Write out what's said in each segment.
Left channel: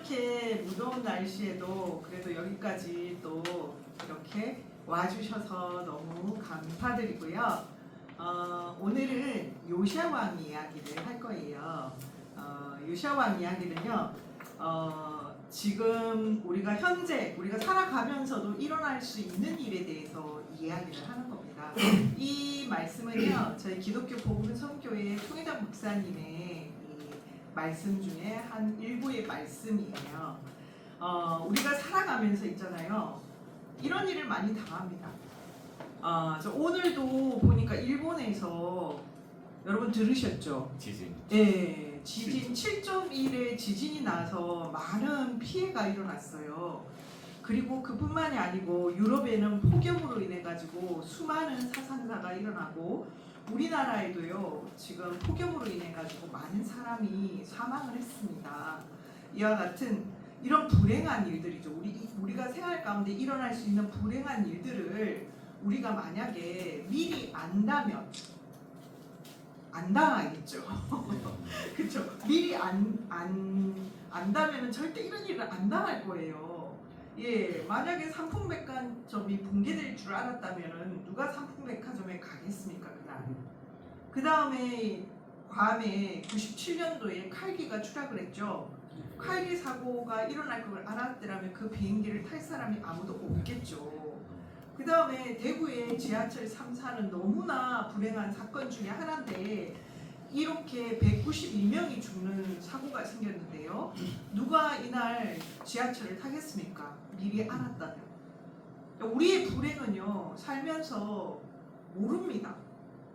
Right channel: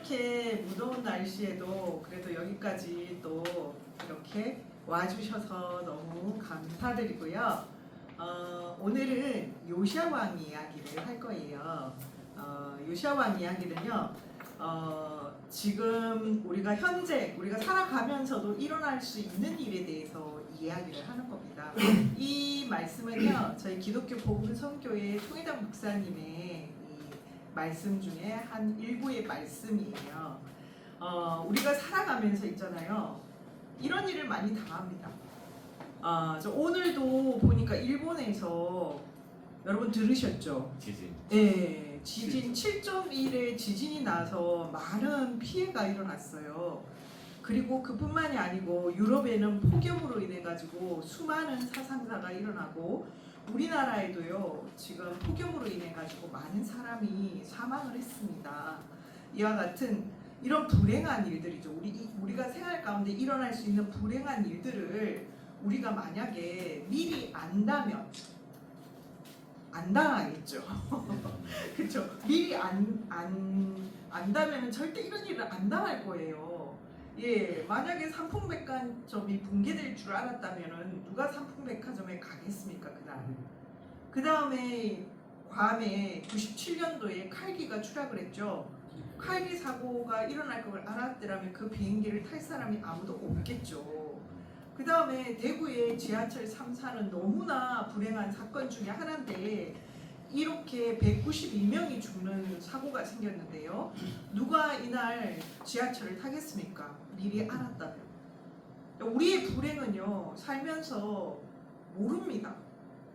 이렇게 무더운 날씨에도 그래도 여기까지 또 이렇게 와주셔서 너무 감사드리고요. 오늘은 요시야 왕 이야기를 할 거예요. 요시야 왕 이야기는요. 지금 우리가 살아가면서도 일어날 수 있는 일에 대해서 이야기를 하는 겁니다. 이 말씀은요, 저희 기독교 복음 선교회 통일당 목사님의 이 말씀 중에 한 일부의 말씀이에요. 우리가 살아가면서 있잖아요. 이런 일을 많이 당합니다. 저 오늘도 보니까 일본에서 여러분 들으셨죠? 지진. 네, 지진 7.1의 지진이 나서 많은 피해가 일어났어요. 그리고 그뿐만이 아니고 유럽에는 폭염으로 인해 가지고 수많은 사상자가 일어나고 우리나라에도요 지금 폭염으로 인해 가지고 많은 사람이 사망을 했습니다. 이와 같은 이런 불행한 일들이죠. 우리가 생활 가운데 일어날 수 있는 불행한 일들을 우리가 만약에 미리 안다면 안 당하겠죠. 그렇죠. 미리 안다면은 절대 이런 일을 안 당할 거예요. 예, 만약에 삼풍백화점이 붕괴될 줄 알았다면은 누가 삼풍백화점에 가겠습니까? 그 다음에 괌에 97년도에 칼기가 추락을 했죠. 칼기 사고가 일어날 걸 알았더라면 그 비행기를 탈 사람이 아무도 없겠죠. 그 다음에 대구의 지하철 3사는 너무나 불행한 사건 중에 하나인데 이렇게 192명이 죽는 사고가 생겼는데요. 누가 이날 지하철을 타겠습니까? 미리 알았다면. 우리의 불행은요, 살면서 모릅니다.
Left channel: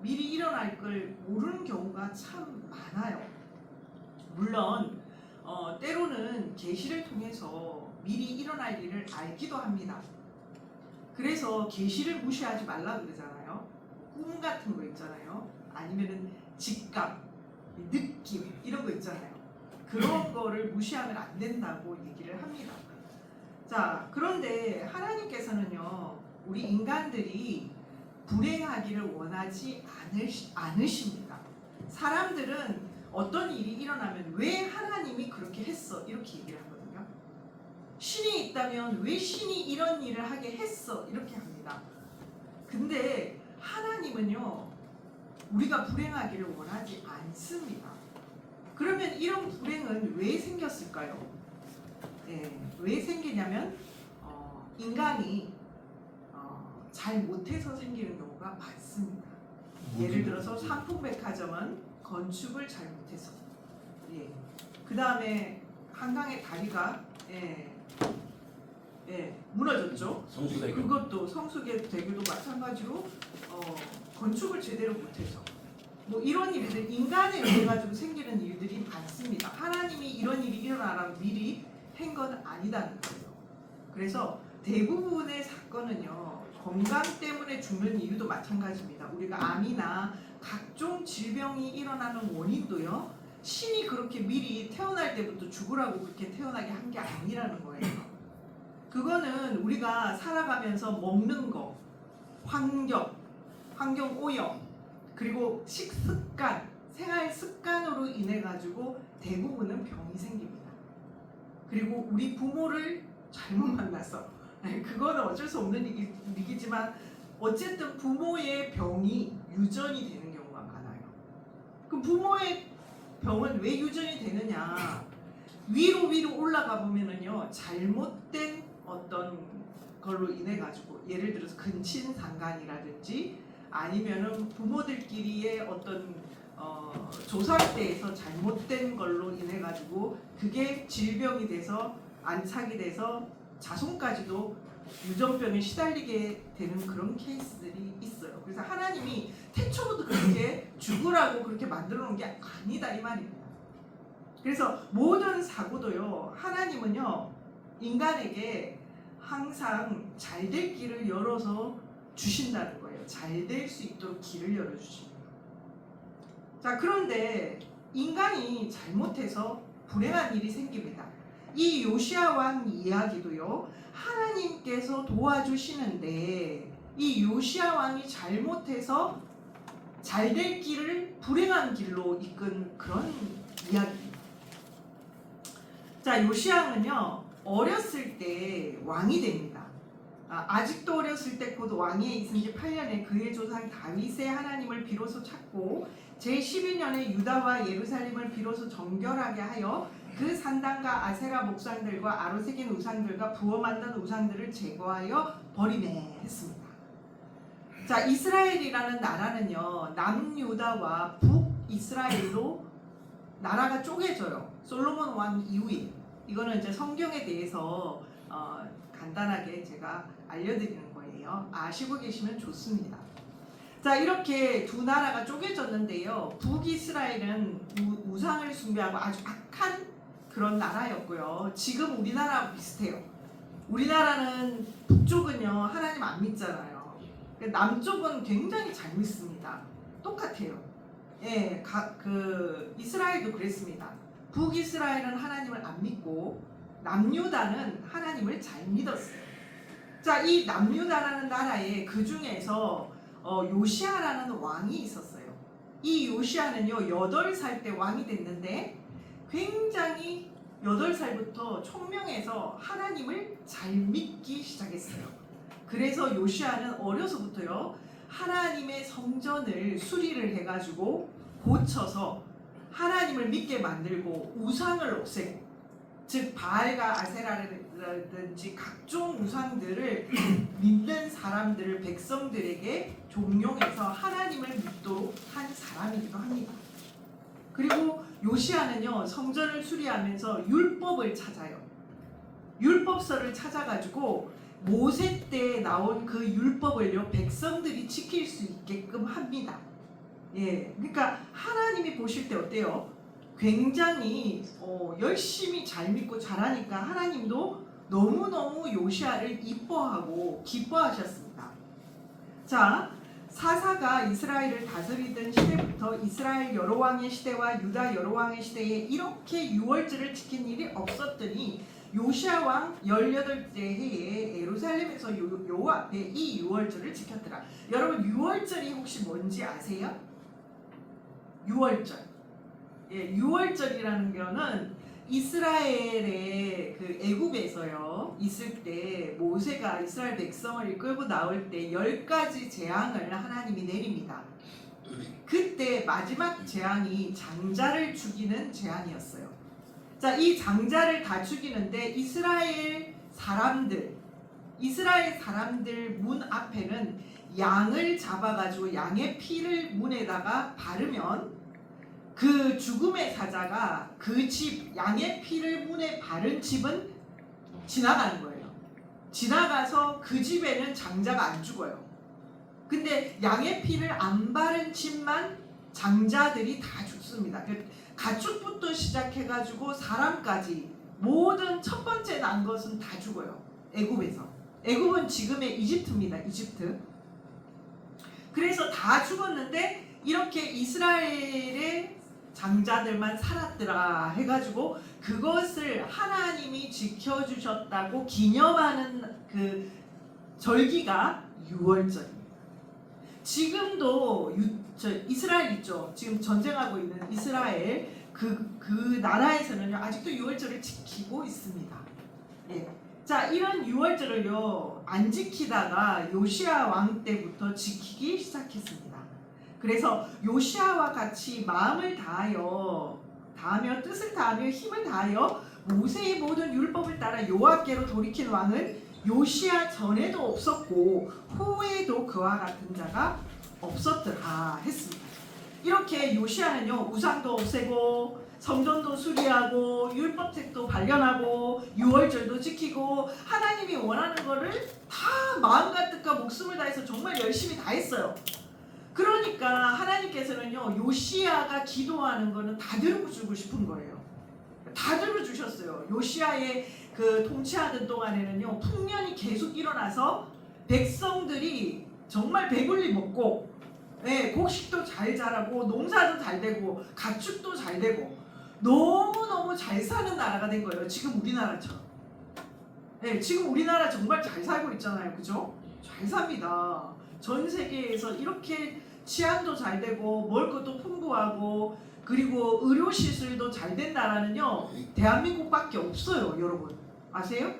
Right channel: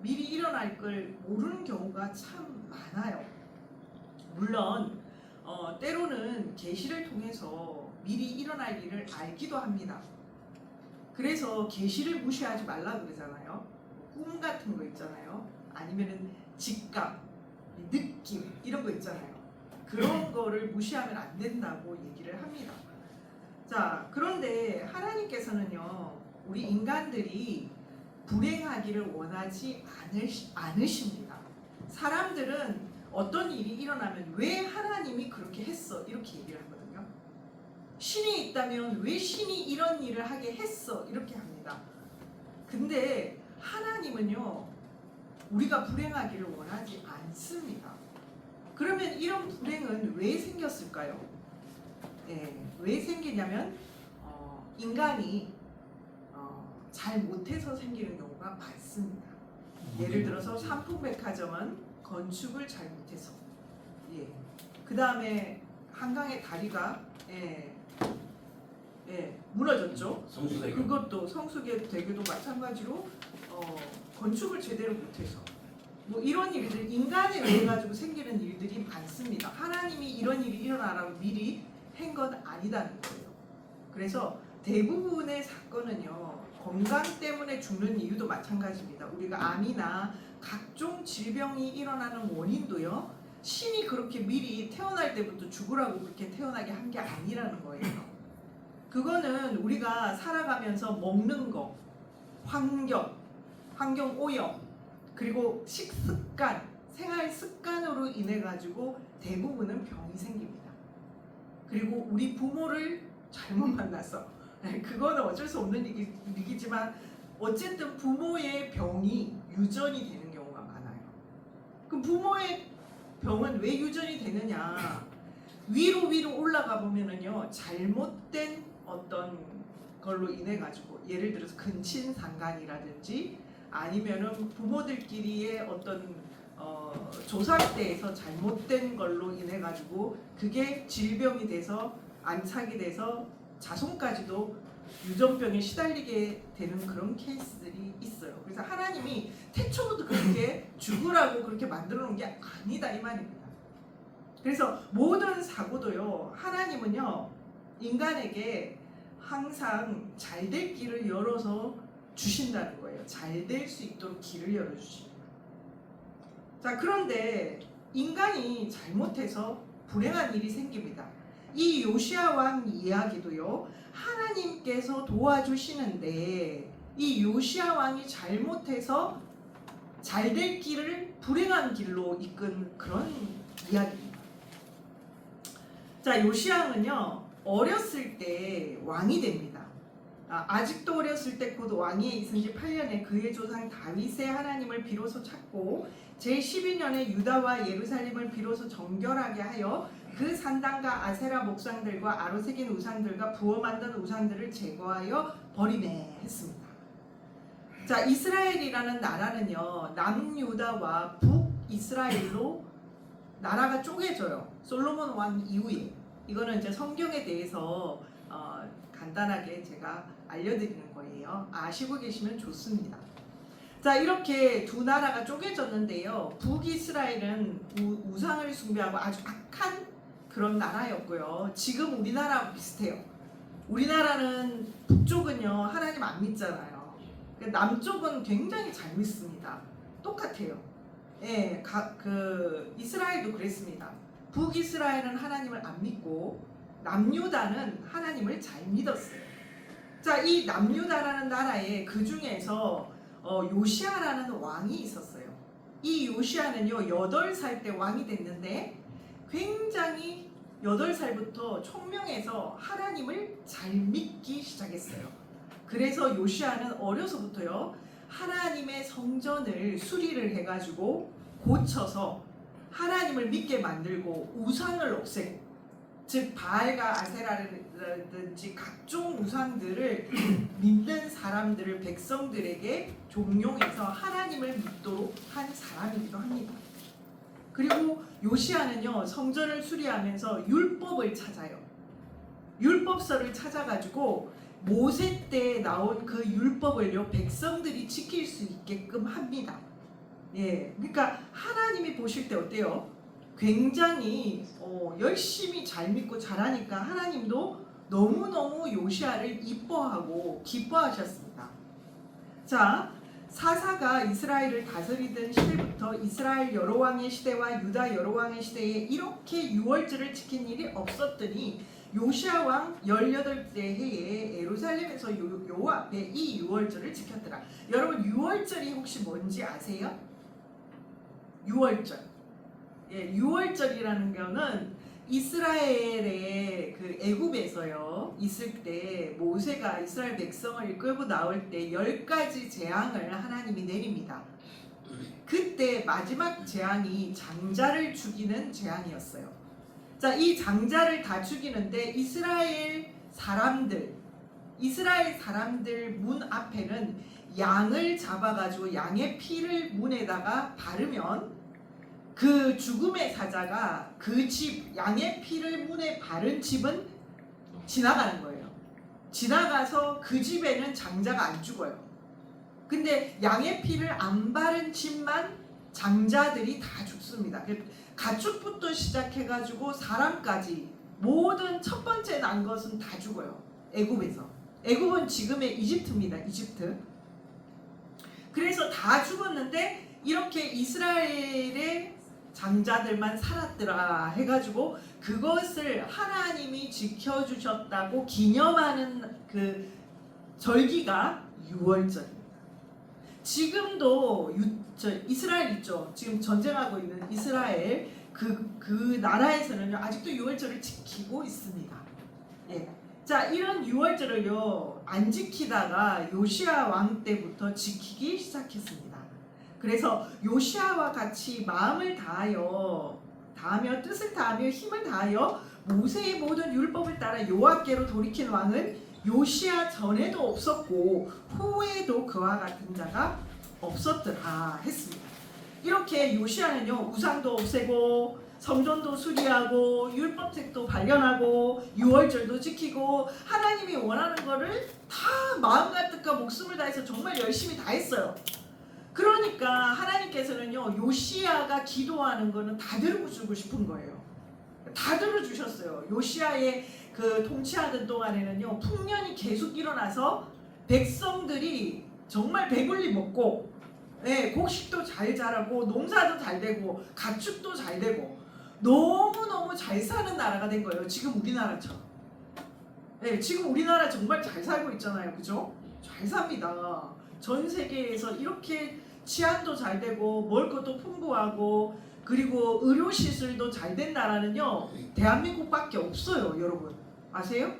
미리 일어날 걸 모르는 경우가 참 많아요. 물론 때로는 계시를 통해서 미리 일어날 일을 알기도 합니다. 그래서 계시를 무시하지 말라 그러잖아요. 꿈 같은 거 있잖아요. 아니면은 직감, 느낌 이런 거 있잖아요. 그런 거를 무시하면 안 된다고 얘기를 합니다. 자, 그런데 하나님께서는요, 우리 인간들이 불행하기를 원하지 않으십니다. 사람들은 어떤 일이 일어나면 왜 하나님이 그렇게 했어? 이렇게 얘기를 하거든요. 신이 있다면 왜 신이 이런 일을 하게 했어? 이렇게 합니다. 근데 하나님은요, 우리가 불행하기를 원하지 않습니다. 그러면 이런 불행은 왜 생겼을까요? 왜 생기냐면 인간이 잘 못해서 생기는 경우가 많습니다. 예를 들어서 삼풍백화점은 건축을 잘 못해서, 그 다음에 한강의 다리가 무너졌죠. 성수대교. 그것도 성수대교도 마찬가지로 건축을 제대로 못해서 뭐 이런 일들 인간에 의해 가지고 생기는 일들이 많습니다. 하나님이 이런 일이 일어나라고 미리 한 건 아니다는 거예요. 그래서 대부분의 사건은요, 건강 때문에 죽는 이유도 마찬가지입니다. 우리가 암이나 각종 질병이 일어나는 원인도요, 신이 그렇게 미리 태어날 때부터 죽으라고 그렇게 태어나게 한 게 아니라는 거예요. 그거는 우리가 살아가면서 먹는 거, 환경 오염, 그리고 식습관, 생활 습관으로 인해 가지고 대부분은 병이 생깁니다. 그리고 우리 부모를 잘못 만나서, 그거는 어쩔 수 없는 일이지만 어쨌든 부모의 병이 유전이 되는 경우가 많아요. 그럼 부모의 병은 왜 유전이 되느냐? 위로 올라가 보면은요, 잘못된 어떤 걸로 인해 가지고, 예를 들어서 근친상간이라든지 아니면은 부모들끼리의 어떤 조상때에서 잘못된 걸로 인해 가지고 그게 질병이 돼서 안착이 돼서 자손까지도 유전병에 시달리게 되는 그런 케이스들이 있어요. 그래서 하나님이 태초부터 그렇게 죽으라고 그렇게 만들어 놓은 게 아니다 이 말입니다. 그래서 모든 사고도요, 하나님은요, 인간에게 항상 잘 될 길을 열어서 주신다는 거예요. 잘 될 수 있도록 길을 열어주십니다. 자, 그런데 인간이 잘못해서 불행한 일이 생깁니다. 이 요시야 왕 이야기도요, 하나님께서 도와주시는데 이 요시야 왕이 잘못해서 잘 될 길을 불행한 길로 이끈 그런 이야기입니다. 자, 요시야는요 어렸을 때 왕이 됩니다. 아직도 어렸을 때 곧 왕위에 있은 지 8년에 그의 조상 다윗의 하나님을 비로소 찾고 제12년에 유다와 예루살렘을 비로소 정결하게 하여 그 산당과 아세라 목상들과 아로새긴 우상들과 부어 만든 우상들을 제거하여 버리네 했습니다. 자, 이스라엘이라는 나라는요 남유다와 북이스라엘로 나라가 쪼개져요. 솔로몬 왕 이후에. 이거는 이제 성경에 대해서 간단하게 제가 알려드리는 거예요. 아시고 계시면 좋습니다. 자, 이렇게 두 나라가 쪼개졌는데요. 북이스라엘은 우상을 숭배하고 아주 악한 그런 나라였고요. 지금 우리나라와 비슷해요. 우리나라는 북쪽은요 하나님 안 믿잖아요. 남쪽은 굉장히 잘 믿습니다. 똑같아요. 예, 이스라엘도 그랬습니다. 북이스라엘은 하나님을 안 믿고 남유다는 하나님을 잘 믿었어요. 자, 이 남유다라는 나라에 그 중에서 요시야라는 왕이 있었어요. 이 요시야는요 8살 때 왕이 됐는데 굉장히 8살부터 총명해서 하나님을 잘 믿기 시작했어요. 그래서 요시야는 어려서부터요 하나님의 성전을 수리를 해가지고 고쳐서 하나님을 믿게 만들고 우상을 없애고, 즉 바알과 아세라라든지 각종 우상들을 믿는 사람들을 백성들에게 종용해서 하나님을 믿도록 한 사람이기도 합니다. 그리고 요시야는요 성전을 수리하면서 율법을 찾아요. 율법서를 찾아가지고 모세 때 나온 그 율법을요 백성들이 지킬 수 있게끔 합니다. 예, 그러니까 하나님이 보실 때 어때요? 굉장히 열심히 잘 믿고 잘하니까 하나님도 너무너무 요시야를 이뻐하고 기뻐하셨습니다. 자, 사사가 이스라엘을 다스리던 시대부터 이스라엘 여러 왕의 시대와 유다 여러 왕의 시대에 이렇게 유월절을 지킨 일이 없었더니 요시야 왕 18대 해에 예루살렘에서 요 앞에 이 유월절을 지켰더라. 여러분 유월절이 혹시 뭔지 아세요? 유월절. 예, 유월절이라는 거는 이스라엘의 그 애굽에서요 있을 때 모세가 이스라엘 백성을 끌고 나올 때 10가지 재앙을 하나님이 내립니다. 그때 마지막 재앙이 장자를 죽이는 재앙이었어요. 자, 이 장자를 다 죽이는데 이스라엘 사람들 문 앞에는 양을 잡아가지고 양의 피를 문에다가 바르면 그 죽음의 사자가 그 집 양의 피를 문에 바른 집은 지나가는 거예요. 지나가서 그 집에는 장자가 안 죽어요. 근데 양의 피를 안 바른 집만 장자들이 다 죽습니다. 가축부터 시작해가지고 사람까지 모든 첫 번째 난 것은 다 죽어요. 애굽에서. 애굽은 지금의 이집트입니다. 이집트. 그래서 다 죽었는데 이렇게 이스라엘의 장자들만 살았더라 해가지고 그것을 하나님이 지켜주셨다고 기념하는 그 절기가 유월절입니다. 지금도 이스라엘 있죠. 지금 전쟁하고 있는 이스라엘 그 나라에서는요 아직도 유월절을 지키고 있습니다. 예. 자, 이런 유월절을요 안 지키다가 요시야 왕 때부터 지키기 시작했습니다. 그래서 요시야와 같이 마음을 다하여 뜻을 다하며 힘을 다하여 모세의 모든 율법을 따라 여호와께로 돌이킨 왕은 요시야 전에도 없었고 후에도 그와 같은 자가 없었더라 했습니다. 이렇게 요시야는요 우상도 없애고 성전도 수리하고 율법책도 발견하고 유월절도 지키고 하나님이 원하는 거를 다 마음과 뜻과 목숨을 다해서 정말 열심히 다 했어요. 그러니까 하나님께서는요 요시야가 기도하는 거는 다 들어주고 싶은 거예요. 다 들어주셨어요. 요시야의 그 통치하던 동안에는요 풍년이 계속 일어나서 백성들이 정말 배불리 먹고 곡식도 잘 자라고 농사도 잘 되고 가축도 잘 되고 너무너무 잘 사는 나라가 된 거예요. 지금 우리나라처럼. 지금 우리나라 정말 잘 살고 있잖아요. 그죠? 잘 삽니다. 전 세계에서 이렇게 치안도 잘 되고 먹을 것도 풍부하고 그리고 의료 시설도 잘 된 나라는요 대한민국밖에 없어요. 여러분 아세요?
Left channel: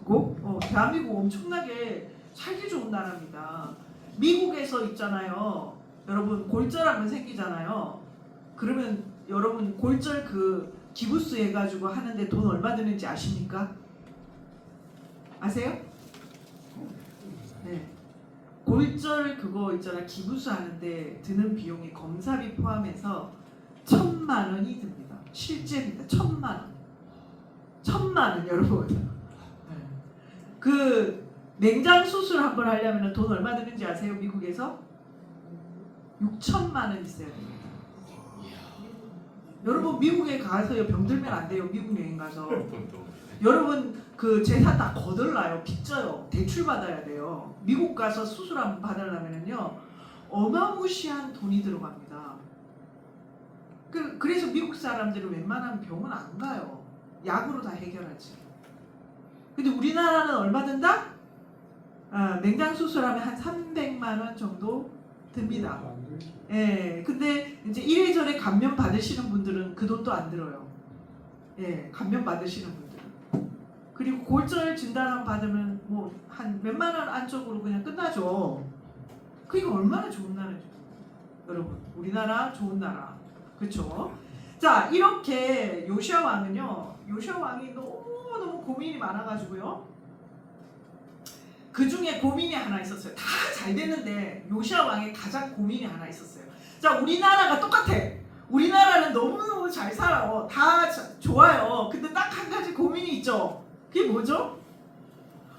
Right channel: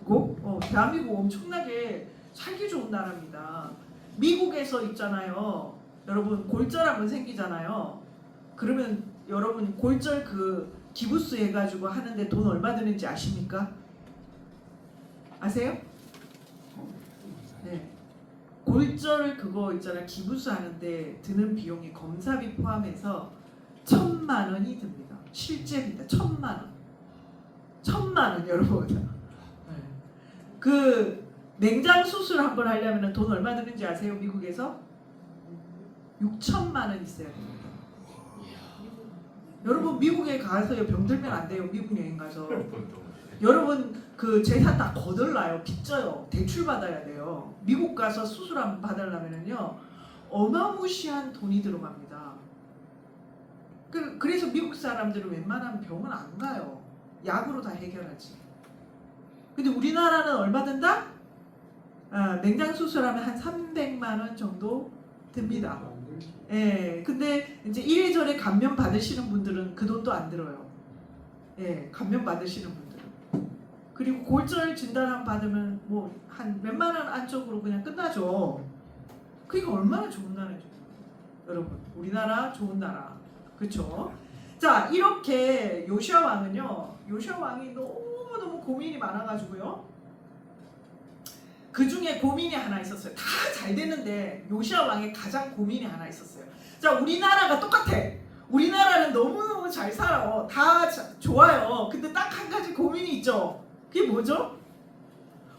그거? 대한민국 엄청나게 살기 좋은 나라입니다. 미국에서 있잖아요. 여러분 골절하면 생기잖아요. 그러면 여러분 골절 그 기부스 해가지고 하는데 돈 얼마 드는지 아십니까? 아세요? 네. 골절 그거 있잖아 기부스 하는데 드는 비용이 검사비 포함해서 1,000만 원이 듭니다. 실제입니다. 1,000만 원. 1,000만 원 여러분. 네. 그 맹장 수술 한번 하려면 돈 얼마 드는지 아세요? 미국에서 6,000만 원 있어야 됩니다. 여러분 미국에 가서요 병들면 안 돼요. 미국 여행 가서 여러분 그 재산 다 거덜나요. 빚져요. 대출 받아야 돼요. 미국 가서 수술 한번 받으려면요 어마무시한 돈이 들어갑니다. 그래서 미국 사람들은 웬만한 병은 안 가요. 약으로 다 해결하지. 근데 우리나라는 얼마 든다? 맹장 수술하면 한 300만 원 정도 듭니다. 예, 근데 이제 이래저래 감면 받으시는 분들은 그 돈도 안 들어요. 예, 감면 받으시는 분들은. 그리고 골절 진단 받으면 뭐 한 몇만 원 안쪽으로 그냥 끝나죠. 그러니까 얼마나 좋은 나라죠, 여러분. 우리나라 좋은 나라, 그렇죠? 자, 이렇게 요시야 왕은요, 요시야 왕이 너무 고민이 많아가지고요. 그 중에 고민이 하나 있었어요. 다 잘 됐는데 요시야 왕의 가장 고민이 하나 있었어요. 자, 우리나라가 똑같아. 우리나라는 너무 잘 살아. 다 좋아요. 근데 딱 한 가지 고민이 있죠. 그게 뭐죠?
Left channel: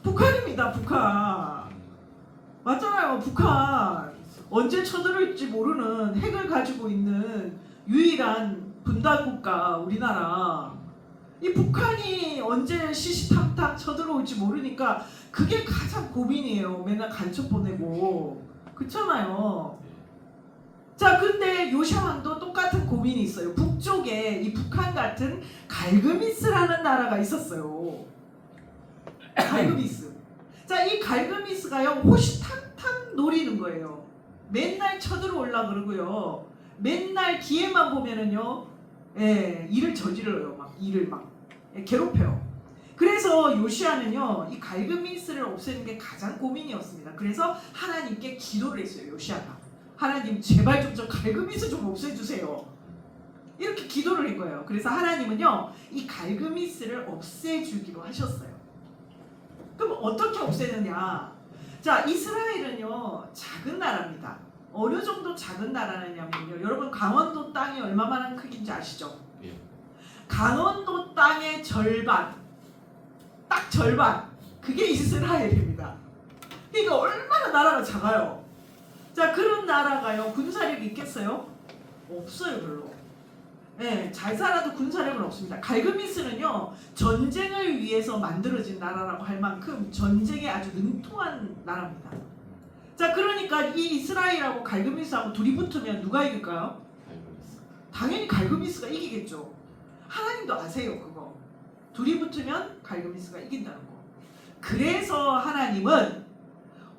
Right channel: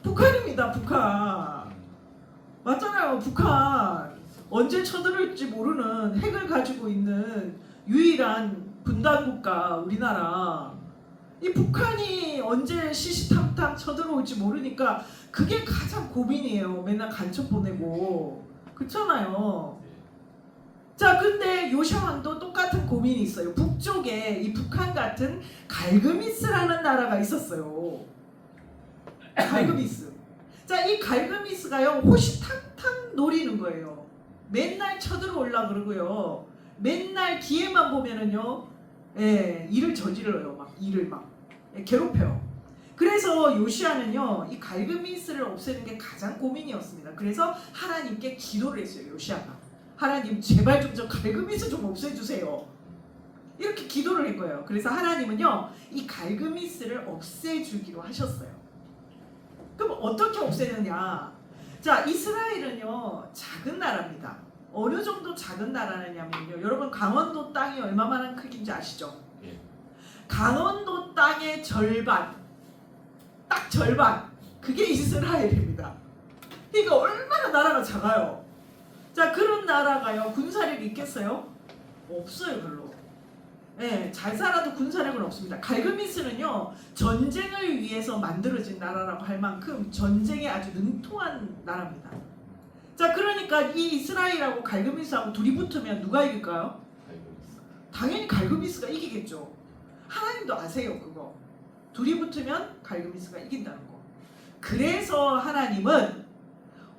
북한입니다. 북한. 맞잖아요. 북한. 언제 쳐들어올지 모르는 핵을 가지고 있는 유일한 분단국가 우리나라. 이 북한이 언제 시시탐탐 쳐들어올지 모르니까 그게 가장 고민이에요. 맨날 간첩 보내고. 그렇잖아요. 자, 근데 요시야 왕도 똑같은 고민이 있어요. 북쪽에 이 북한 같은 갈그미스라는 나라가 있었어요. 갈그미스. 자, 이 갈그미스가요 호시탐탐 노리는 거예요. 맨날 쳐들어올라 그러고요. 맨날 기회만 보면은요, 일을 저질러요. 막 일을 막 괴롭혀요. 그래서 요시야는요 이 갈그미스를 없애는 게 가장 고민이었습니다. 그래서 하나님께 기도를 했어요. 요시야가 하나님 제발 좀 저 갈그미스 좀 없애주세요. 이렇게 기도를 한 거예요. 그래서 하나님은요 이 갈그미스를 없애주기로 하셨어요. 그럼 어떻게 없애느냐? 자, 이스라엘은요 작은 나라입니다. 어느 정도 작은 나라냐면요, 여러분 강원도 땅이 얼마만한 크기인지 아시죠? 예. 강원도 땅의 절반, 딱 절반, 그게 이스라엘입니다. 그러니까 얼마나 나라가 작아요. 자, 그런 나라가요 군사력이 있겠어요? 없어요. 별로. 예, 잘 살아도 군사력은 없습니다. 갈그미스는요 전쟁을 위해서 만들어진 나라라고 할 만큼 전쟁에 아주 능통한 나라입니다. 자, 그러니까 이 이스라엘하고 갈그미스하고 둘이 붙으면 누가 이길까요? 당연히 갈그미스가 이기겠죠. 하나님도 아세요 그거. 둘이 붙으면 갈그미스가 이긴다는 거. 그래서 하나님은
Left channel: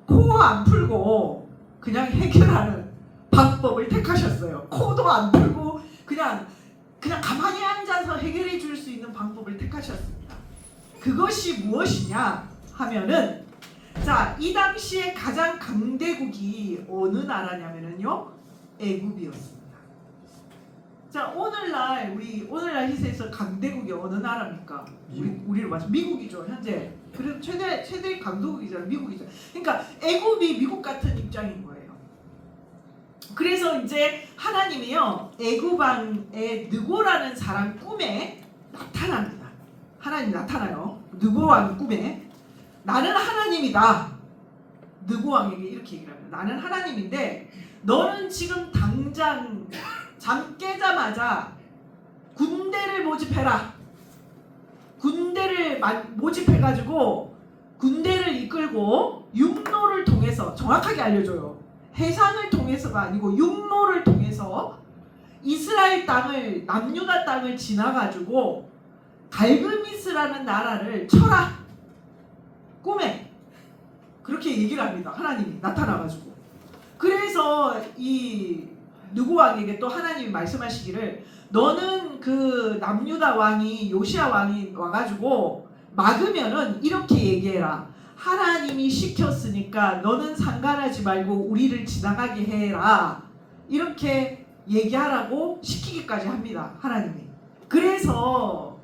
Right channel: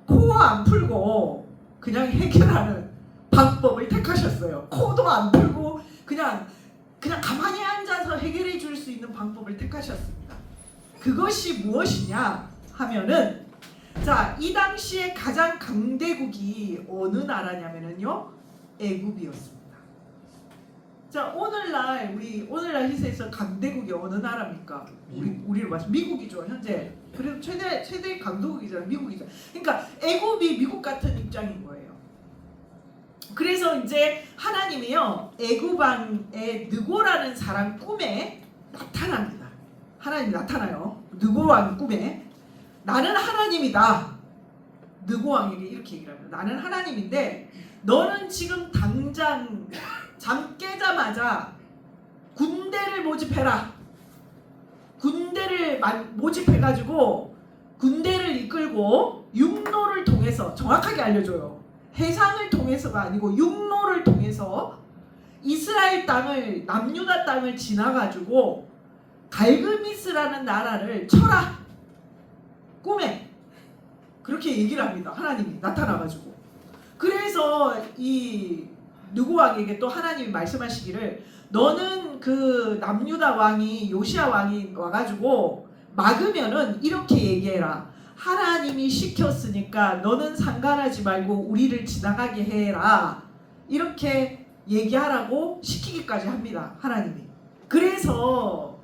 코 안 풀고 그냥 해결하는 방법을 택하셨어요. 코도 안 풀고 그냥 가만히 앉아서 해결해 줄 수 있는 방법을 택하셨습니다. 그것이 무엇이냐 하면은, 자, 이 당시에 가장 강대국이 어느 나라냐면은요 애굽이었습니다. 자, 오늘날 희세에서 강대국이 어느 나라입니까? 우리로 봐서 미국이죠. 현재 그래서 최대 강대국이잖아. 미국이죠. 그러니까 애굽이 미국 같은 입장인 거예요. 그래서 이제 하나님이요 애굽 왕의 느고라는 사람 꿈에 나타납니다. 하나님이 나타나요. 느고 왕 꿈에 나는 하나님이다. 느고 왕에게 이렇게 얘기를 합니다. 나는 하나님인데 너는 지금 당장 잠 깨자마자 군대를 모집해라. 군대를 모집해가지고 군대를 이끌고 육로를 통해서, 정확하게 알려줘요. 해상을 통해서가 아니고 육로를 통해서 이스라엘 땅을, 남유다 땅을 지나가지고 갈그미스라는 나라를 쳐라. 꿈에 그렇게 얘기를 합니다. 하나님이 나타나가지고. 그래서 이 느고 왕에게 또 하나님이 말씀하시기를 너는 그 남유다 왕이 요시야 왕이 와가지고 막으면은 이렇게 얘기해라. 하나님이 시켰으니까 너는 상관하지 말고 우리를 지나가게 해라. 이렇게 얘기하라고 시키기까지 합니다. 하나님이. 그래서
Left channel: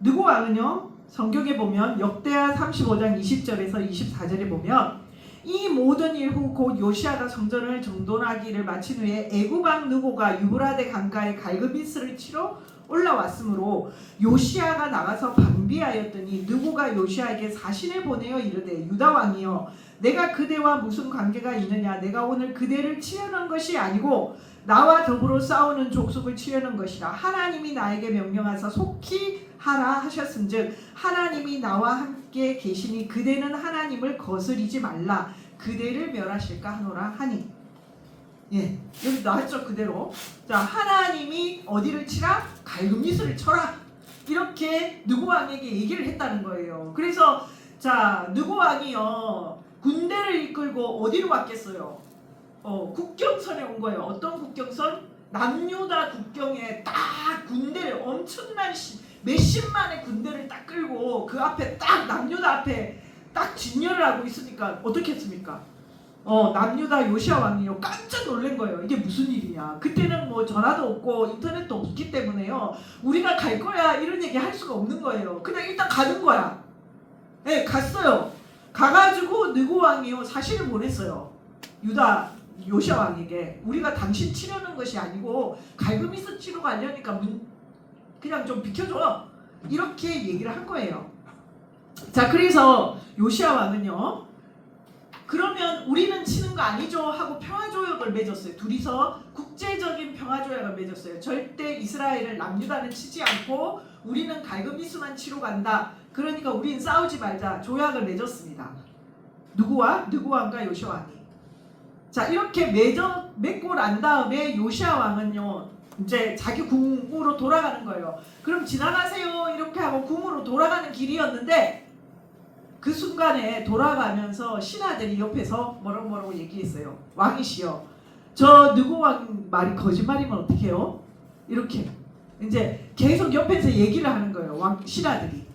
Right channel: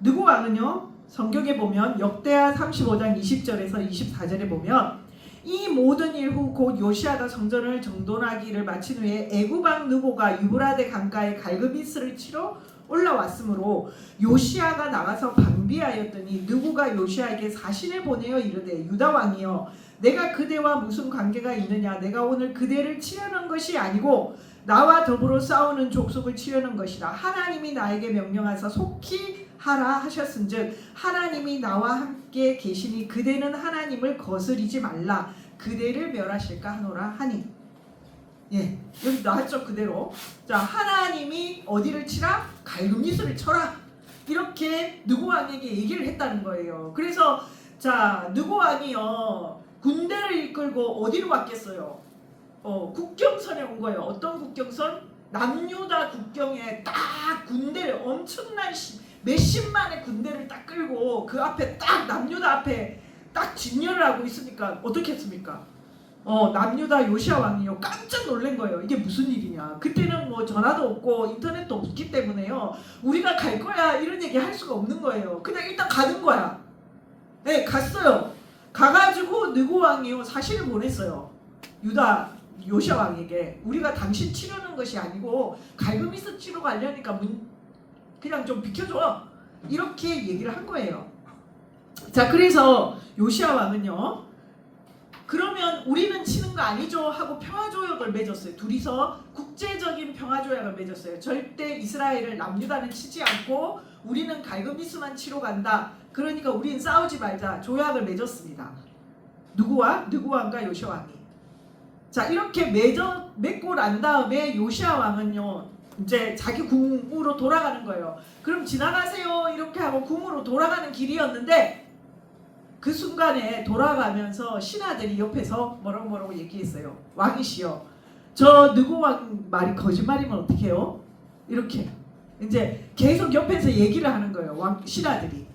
느고 왕은요. 성경에 보면 역대하 35장 20절에서 24절에 보면 이 모든 일 후 곧 요시야가 성전을 정돈하기를 마친 후에 애굽 왕 느고가 유브라데 강가에 갈그미스를 치러 올라왔으므로 요시야가 나가서 방비하였더니 느고가 요시야에게 사신을 보내어 이르되 유다 왕이여 내가 그대와 무슨 관계가 있느냐 내가 오늘 그대를 치려는 것이 아니고 나와 더불어 싸우는 족속을 치려는 것이라 하나님이 나에게 명령하사 속히 하라 하셨은즉 하나님이 나와 함께 계시니 그대는 하나님을 거스리지 말라 그대를 멸하실까 하노라 하니 예 여기 나왔죠 그대로 자 하나님이 어디를 치라 갈그미스를 쳐라 이렇게 느고 왕에게 얘기를 했다는 거예요. 그래서 자 느고 왕이요 군대를 이끌고 어디로 왔겠어요? 국경선에 온 거예요. 어떤 국경선? 남유다 국경에 딱 군대를 엄청난 몇십만의 군대를 딱 끌고 그 앞에 딱 남유다 앞에 딱 진열을 하고 있으니까 어떻게 했습니까? 남유다 요시야 왕이요 깜짝 놀란 거예요. 이게 무슨 일이냐. 그때는 뭐 전화도 없고 인터넷도 없기 때문에요. 우리가 갈 거야 이런 얘기 할 수가 없는 거예요. 그냥 일단 가는 거야. 네, 갔어요. 가가지고 느고 왕이요 사신을 보냈어요. 유다 요시야 왕에게 우리가 당신 치려는 것이 아니고 갈그미스 치러 가려니까 그냥 좀 비켜줘 이렇게 얘기를 한 거예요. 자 그래서 요시야 왕은요 그러면 우리는 치는 거 아니죠 하고 평화조약을 맺었어요. 둘이서 국제적인 평화조약을 맺었어요. 절대 이스라엘을 남유다는 치지 않고 우리는 갈그미스만 치러 간다. 그러니까 우리는 싸우지 말자 조약을 맺었습니다. 누구와? 느고 왕과 요시야 왕이. 자 이렇게 맺고 난 다음에 요시야 왕은요 이제 자기 궁으로 돌아가는 거예요. 그럼 지나가세요 이렇게 하고 궁으로 돌아가는 길이었는데 그 순간에 돌아가면서 신하들이 옆에서 뭐라고 얘기했어요. 왕이시여 저 느고 왕 말이 거짓말이면 어떡해요? 이렇게 이제 계속 옆에서 얘기를 하는 거예요. 신하들이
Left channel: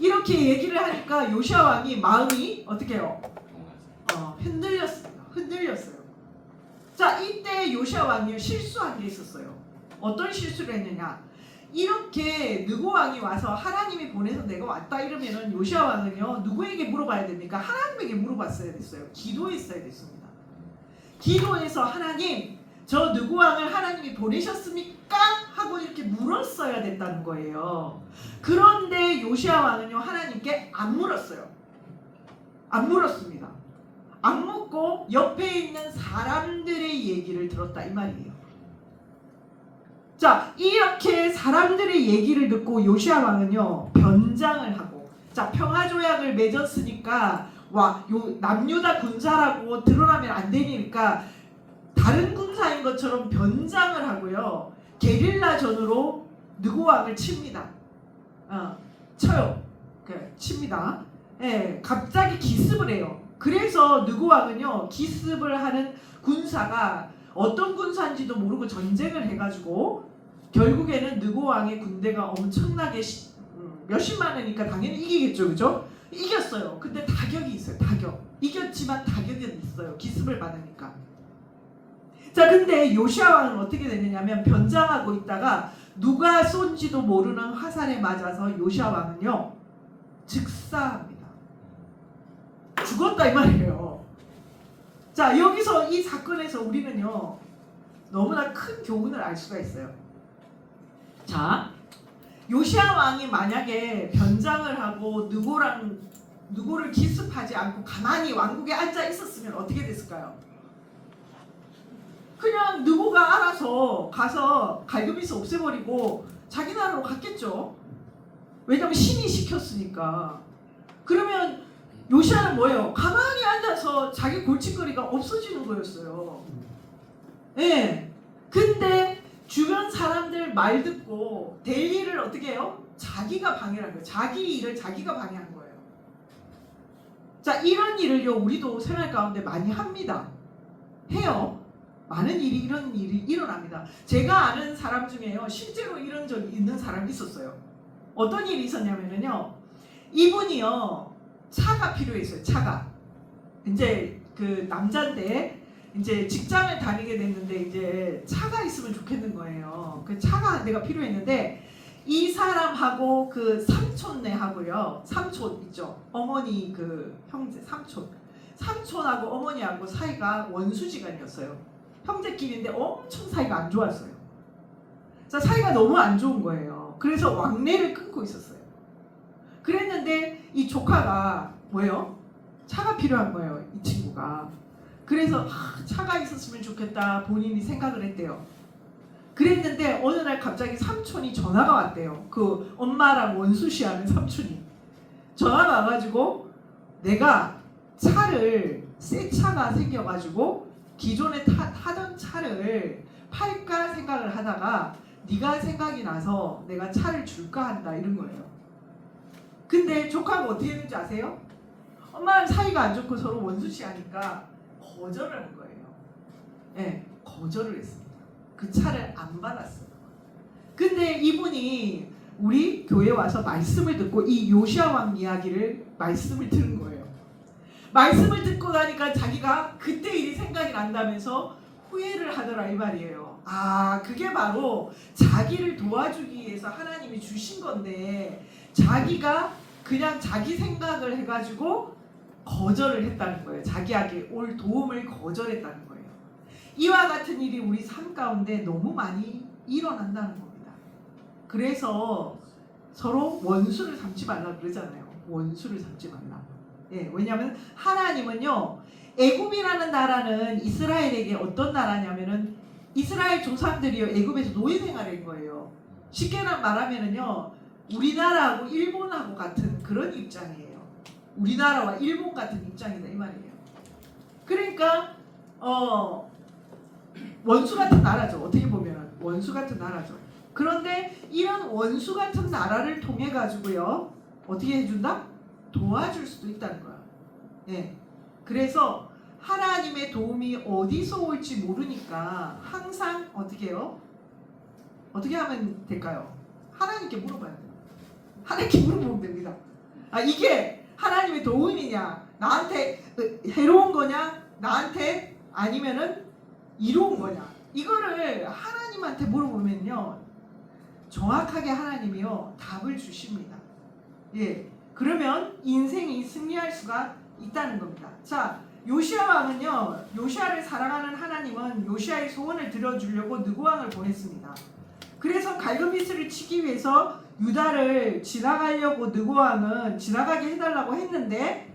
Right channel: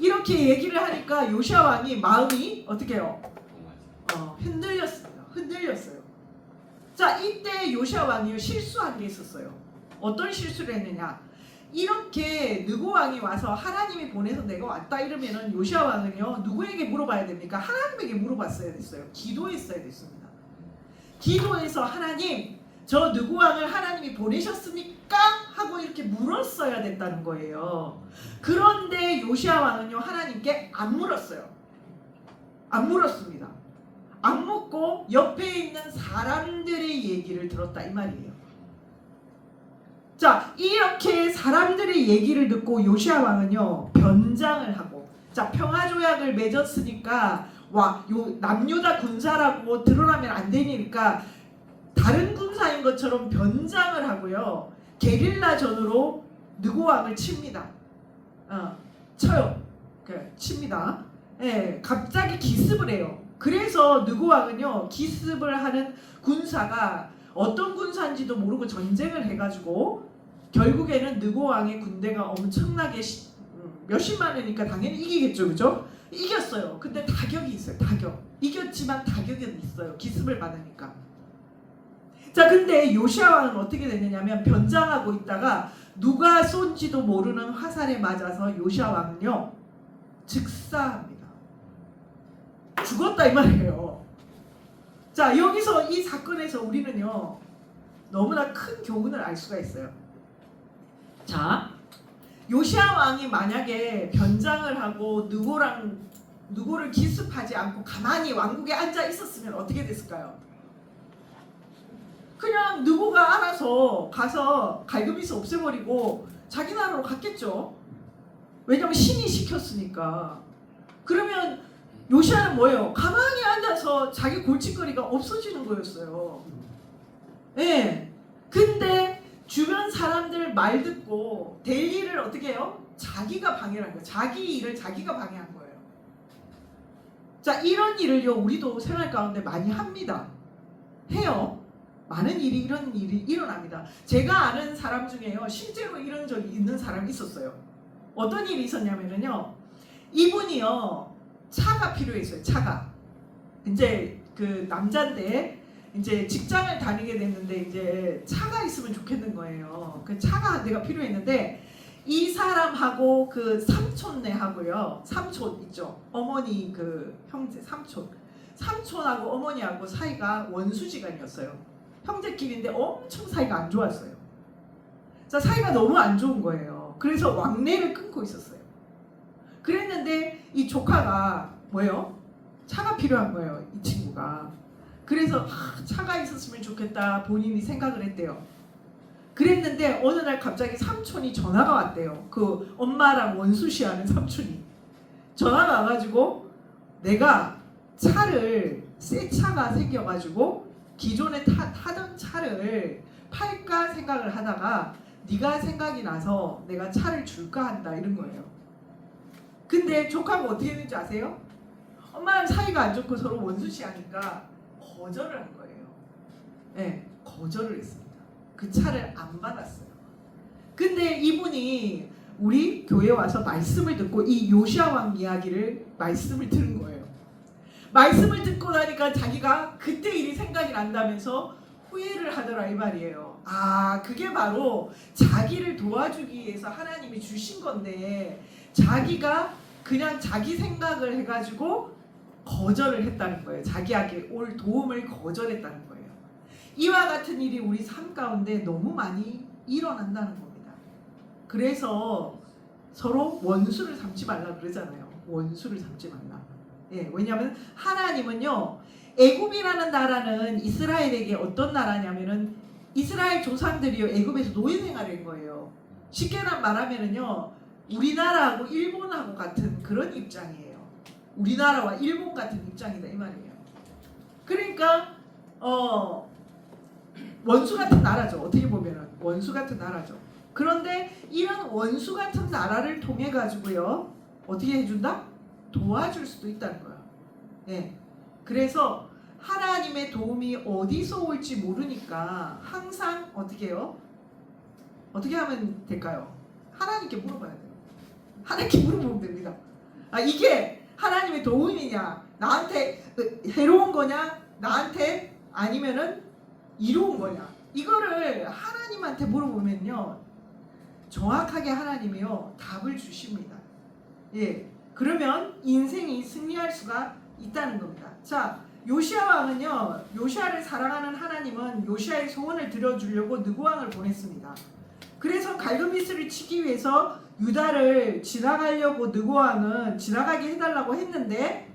이렇게 얘기를 하니까 요시야 왕이 마음이 어떻게 해요? 흔들렸어요. 자 이때 요시야 왕이 실수한 게 있었어요. 어떤 실수를 했느냐? 이렇게 느고 왕이 와서 하나님이 보내서 내가 왔다 이러면은 요시야 왕은요 누구에게 물어봐야 됩니까? 하나님에게 물어봤어야 됐어요. 기도했어야 됐습니다. 기도해서 하나님 저 느고 왕을 하나님이 보내셨습니까? 하고 이렇게 물었어야 됐다는 거예요. 그런데 요시야 왕은요 하나님께 안 물었어요. 안 물었습니다. 안 묻고 옆에 있는 사람들의 얘기를 들었다 이 말이에요. 자 이렇게 사람들의 얘기를 듣고 요시야 왕은요 변장을 하고 자 평화조약을 맺었으니까 남유다 군사라고 드러나면 안 되니까 다른 군사인 것처럼 변장을 하고요 게릴라전으로 느고 왕을 칩니다. 쳐요. 칩니다. 예, 갑자기 기습을 해요. 그래서 느고 왕은요 기습을 하는 군사가 어떤 군사인지도 모르고 전쟁을 해가지고 결국에는 느고 왕의 군대가 엄청나게 몇십만이니까 당연히 이기겠죠, 그죠? 이겼어요. 근데 타격이 있어요. 타격. 이겼지만 타격은 있어요. 기습을 받으니까. 자, 근데 요시야 왕은 어떻게 됐느냐면 변장하고 있다가 누가 쏜지도 모르는 화살에 맞아서 요시야 왕은요 즉사합니다. 죽었다 이 말이에요. 자 여기서 이 사건에서 우리는요 너무나 큰 교훈을 알 수가 있어요. 자 요시야 왕이 만약에 변장을 하고 느고를 기습하지 않고 가만히 왕국에 앉아 있었으면 어떻게 됐을까요? 그냥 느고가 알아서 가서 갈그미스 없애버리고 자기 나라로 갔겠죠. 왜냐면 신이 시켰으니까. 그러면 요시야는 뭐예요? 가만히 앉아서 자기 골칫거리가 없어지는 거였어요. 예. 근데 주변 사람들 말 듣고 될 일을 어떻게 해요? 자기가 방해를 한 거예요. 자기 일을 자기가 방해한 거예요. 자, 이런 일을요 우리도 생활 가운데 많이 합니다. 해요. 많은 이런 일이 일어납니다. 제가 아는 사람 중에요, 실제로 이런 적이 있는 사람이 있었어요. 어떤 일이 있었냐면요, 이분이요 차가 필요했어요. 차가 이제 그 남자인데 이제 직장을 다니게 됐는데 이제 차가 있으면 좋겠는 거예요. 그 차가 내가 필요했는데 이 사람하고 그 삼촌네하고요, 삼촌 있죠, 어머니 그 형제 삼촌하고 어머니하고 사이가 원수지간이었어요. 형제끼리인데 엄청 사이가 안 좋았어요. 자, 사이가 너무 안 좋은 거예요. 그래서 왕래를 끊고 있었어요. 그랬는데 이 조카가 뭐예요? 차가 필요한 거예요, 이 친구가. 그래서 차가 있었으면 좋겠다 본인이 생각을 했대요. 그랬는데 어느 날 갑자기 삼촌이 전화가 왔대요. 그 엄마랑 원수시하는 삼촌이 전화가 와가지고, 내가 차를 새 차가 생겨가지고 기존에 타던 차를 팔까 생각을 하다가 네가 생각이 나서 내가 차를 줄까 한다, 이런 거예요. 근데 조카가 어떻게 했는지 아세요? 엄마랑 사이가 안 좋고 서로 원수시하니까 거절을 한 거예요. 네, 거절을 했습니다. 그 차를 안 받았어요. 근데 이분이 우리 교회 와서 말씀을 듣고 이 요시야 왕 이야기를 말씀을 들은 거예요. 말씀을 듣고 나니까 자기가 그때 일이 생각이 난다면서 후회를 하더라, 이 말이에요. 아, 그게 바로 자기를 도와주기 위해서 하나님이 주신 건데 자기가 그냥 자기 생각을 해가지고 거절을 했다는 거예요. 자기에게 올 도움을 거절했다는 거예요. 이와 같은 일이 우리 삶 가운데 너무 많이 일어난다는 겁니다. 그래서 서로 원수를 삼지 말라 그러잖아요. 원수를 삼지 말라. 예, 왜냐하면 하나님은요, 애굽이라는 나라는 이스라엘에게 어떤 나라냐면은 이스라엘 조상들이요 애굽에서 노예 생활한 거예요. 쉽게 말하면은요, 우리나라하고 일본하고 같은 그런 입장이에요. 우리나라와 일본 같은 입장이다, 이 말이에요. 그러니까 원수 같은 나라죠. 어떻게 보면은 원수 같은 나라죠. 그런데 이런 원수 같은 나라를 통해 가지고요, 어떻게 해준다? 도와줄 수도 있다는 거야. 네. 그래서 하나님의 도움이 어디서 올지 모르니까 항상 어떻게 해요? 어떻게 하면 될까요? 하나님께 물어봐야 돼요. 하나님께 물어보면 됩니다. 아, 이게 하나님의 도움이냐, 나한테 해로운 거냐, 나한테 아니면은 이로운 거냐, 이거를 하나님한테 물어보면요, 정확하게 하나님이요 답을 주십니다. 예, 그러면 인생이 승리할 수가 있다는 겁니다. 자, 요시야 왕은요, 요시야를 사랑하는 하나님은 요시야의 소원을 들어주려고 느고 왕을 보냈습니다. 그래서 갈그미스를 치기 위해서 유다를 지나가려고 느고 왕은 지나가게 해달라고 했는데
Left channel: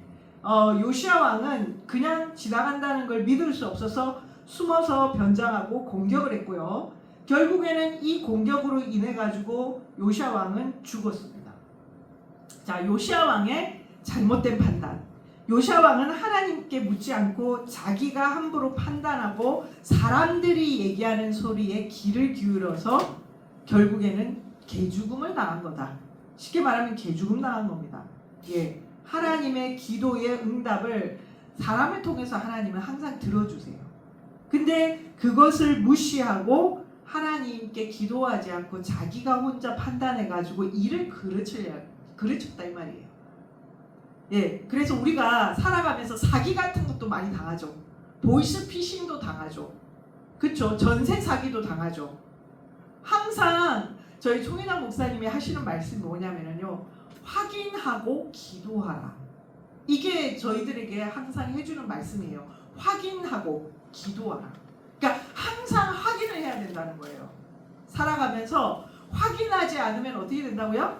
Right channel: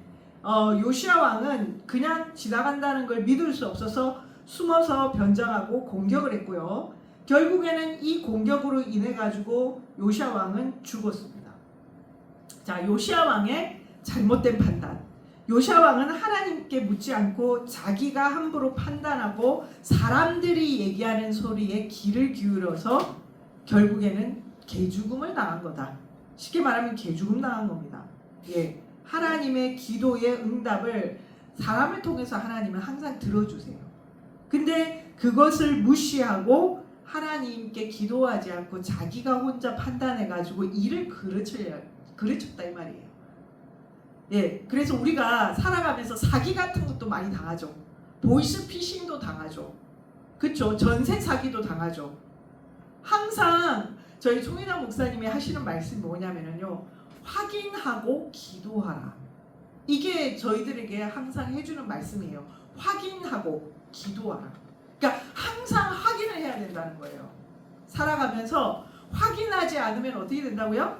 요시야 왕은 그냥 지나간다는 걸 믿을 수 없어서 숨어서 변장하고 공격을 했고요. 결국에는 이 공격으로 인해 가지고 요시야 왕은 죽었습니다. 자, 요시야 왕의 잘못된 판단. 요시야 왕은 하나님께 묻지 않고 자기가 함부로 판단하고 사람들이 얘기하는 소리에 귀를 기울여서 결국에는 개죽음을 당한 거다. 쉽게 말하면 개죽음 당한 겁니다. 예, 하나님의 기도의 응답을 사람을 통해서 하나님은 항상 들어주세요. 근데 그것을 무시하고 하나님께 기도하지 않고 자기가 혼자 판단해가지고 일을 그르쳤다, 이 말이에요. 예, 그래서 우리가 살아가면서 사기 같은 것도 많이 당하죠. 보이스피싱도 당하죠. 그렇죠? 전세 사기도 당하죠. 항상 저희 총인환 목사님이 하시는 말씀이 뭐냐면요, 확인하고 기도하라. 이게 저희들에게 항상 해주는 말씀이에요. 확인하고 기도하라. 그러니까 항상 확인을 해야 된다는 거예요. 살아가면서 확인하지 않으면 어떻게 된다고요?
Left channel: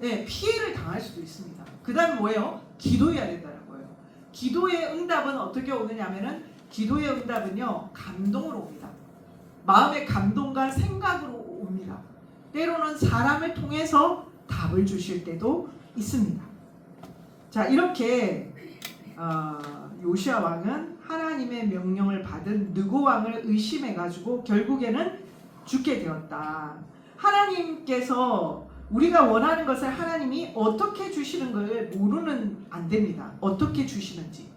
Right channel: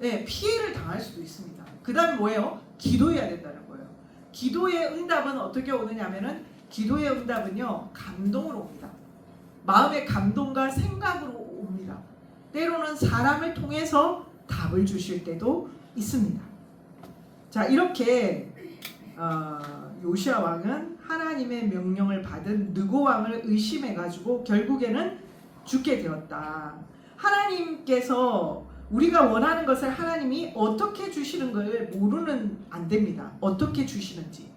네, 피해를 당할 수도 있습니다. 그 다음에 뭐예요? 기도해야 된다는 거예요. 기도의 응답은 어떻게 오느냐면은, 기도의 응답은요, 감동으로 옵니다. 마음의 감동과 생각으로 옵니다. 때로는 사람을 통해서 답을 주실 때도 있습니다. 자, 이렇게 요시야 왕은 하나님의 명령을 받은 느고 왕을 의심해가지고 결국에는 죽게 되었다. 하나님께서 우리가 원하는 것을 하나님이 어떻게 주시는 걸 모르는 안 됩니다. 어떻게 주시는지.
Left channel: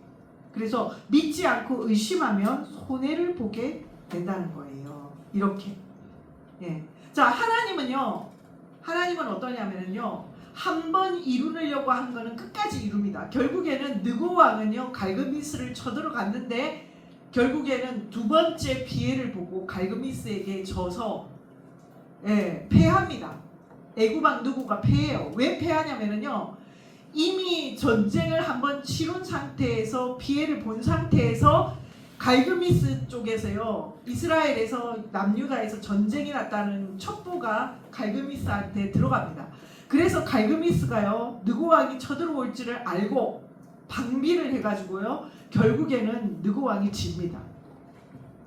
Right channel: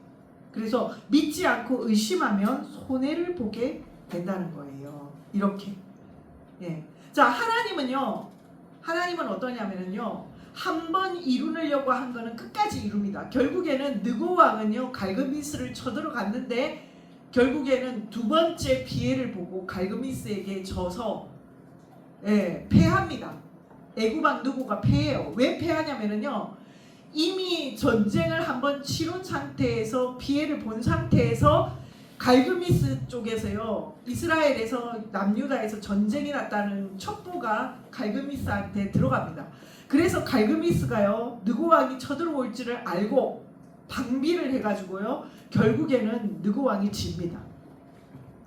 그래서 믿지 않고 의심하면 손해를 보게 된다는 거예요. 이렇게. 예. 자, 하나님은 어떠냐면요, 한 번 이루려고 한 거는 끝까지 이룹니다. 결국에는 느고 왕은요, 갈그미스를 쳐들어갔는데 결국에는 두 번째 피해를 보고 갈그미스에게 져서 패합니다. 애굽 왕 느고가 패해요. 왜 패하냐면요, 이미 전쟁을 한번 치른 상태에서 피해를 본 상태에서 갈그미스 쪽에서요, 이스라엘에서 남유다에서 전쟁이 났다는 첩보가 갈그미스한테 들어갑니다. 그래서 갈그미스가요, 느고 왕이 쳐들어올 줄을 알고 방비를 해가지고요, 결국에는 느고 왕이 집니다.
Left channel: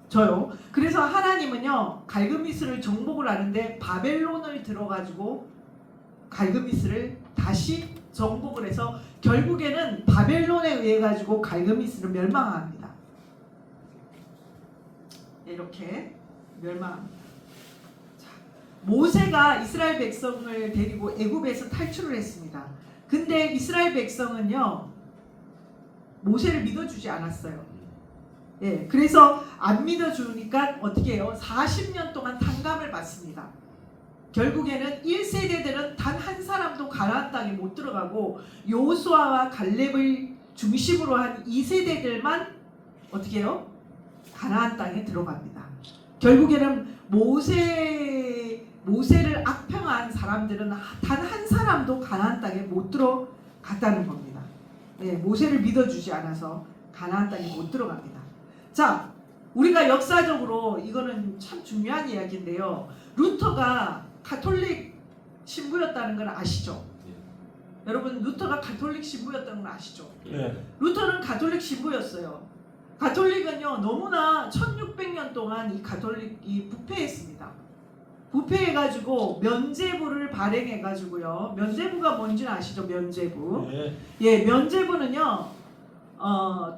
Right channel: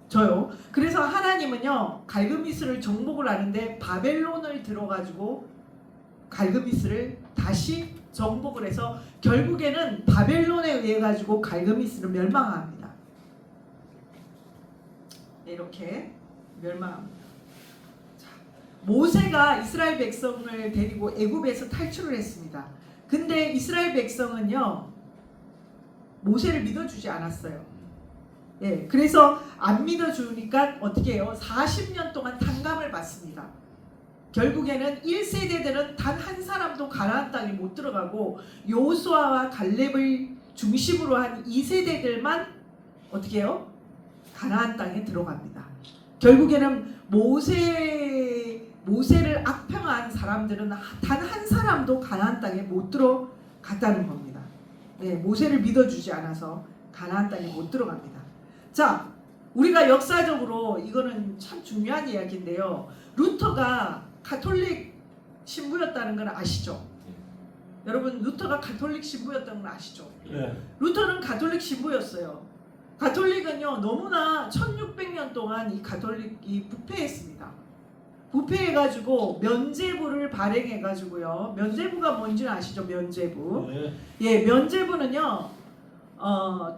저요. 그래서 하나님은요, 갈그미스를 정복을 하는데 바벨론을 들어가지고 갈그미스를 다시 정복을 해서 결국에는 바벨론에 의해 가지고 갈그미스를 멸망합니다. 이렇게 멸망합니다. 자, 모세가 이스라엘 백성을 데리고 애굽에서 탈출을 했습니다. 근데 이스라엘 백성은요, 모세를 믿어주지 않았어요. 예, 그래서 안 믿어주니까 어떻게 해요? 40년 동안 탕감을 받습니다. 결국에는 1세대들은 단 한 사람도 가나안 땅에 못 들어가고 여호수아와 갈렙을 중심으로 한 2세대들만 어떻게 해요? 가나안 땅에 들어갑니다. 결국에는 모세를 악평한 사람들은 단 한 사람도 가나안 땅에 못 들어갔다는 겁니다. 예, 모세를 믿어주지 않아서 가나안 땅에 못 들어갑니다. 자, 우리가 역사적으로 이거는 참 중요한 이야기인데요. 루터가 가톨릭 신부였다는 건 아시죠? 여러분, 루터가 가톨릭 신부였다는 건 아시죠? 루터는 가톨릭 신부였어요. 가톨릭은요, 너무나 1600년 동안 이 가톨릭이 부패했습니다. 부패해가지고 면죄부를 발행해가지고요. 면죄부가 뭔지는 아시죠? 면죄부. 예, 면죄부는요,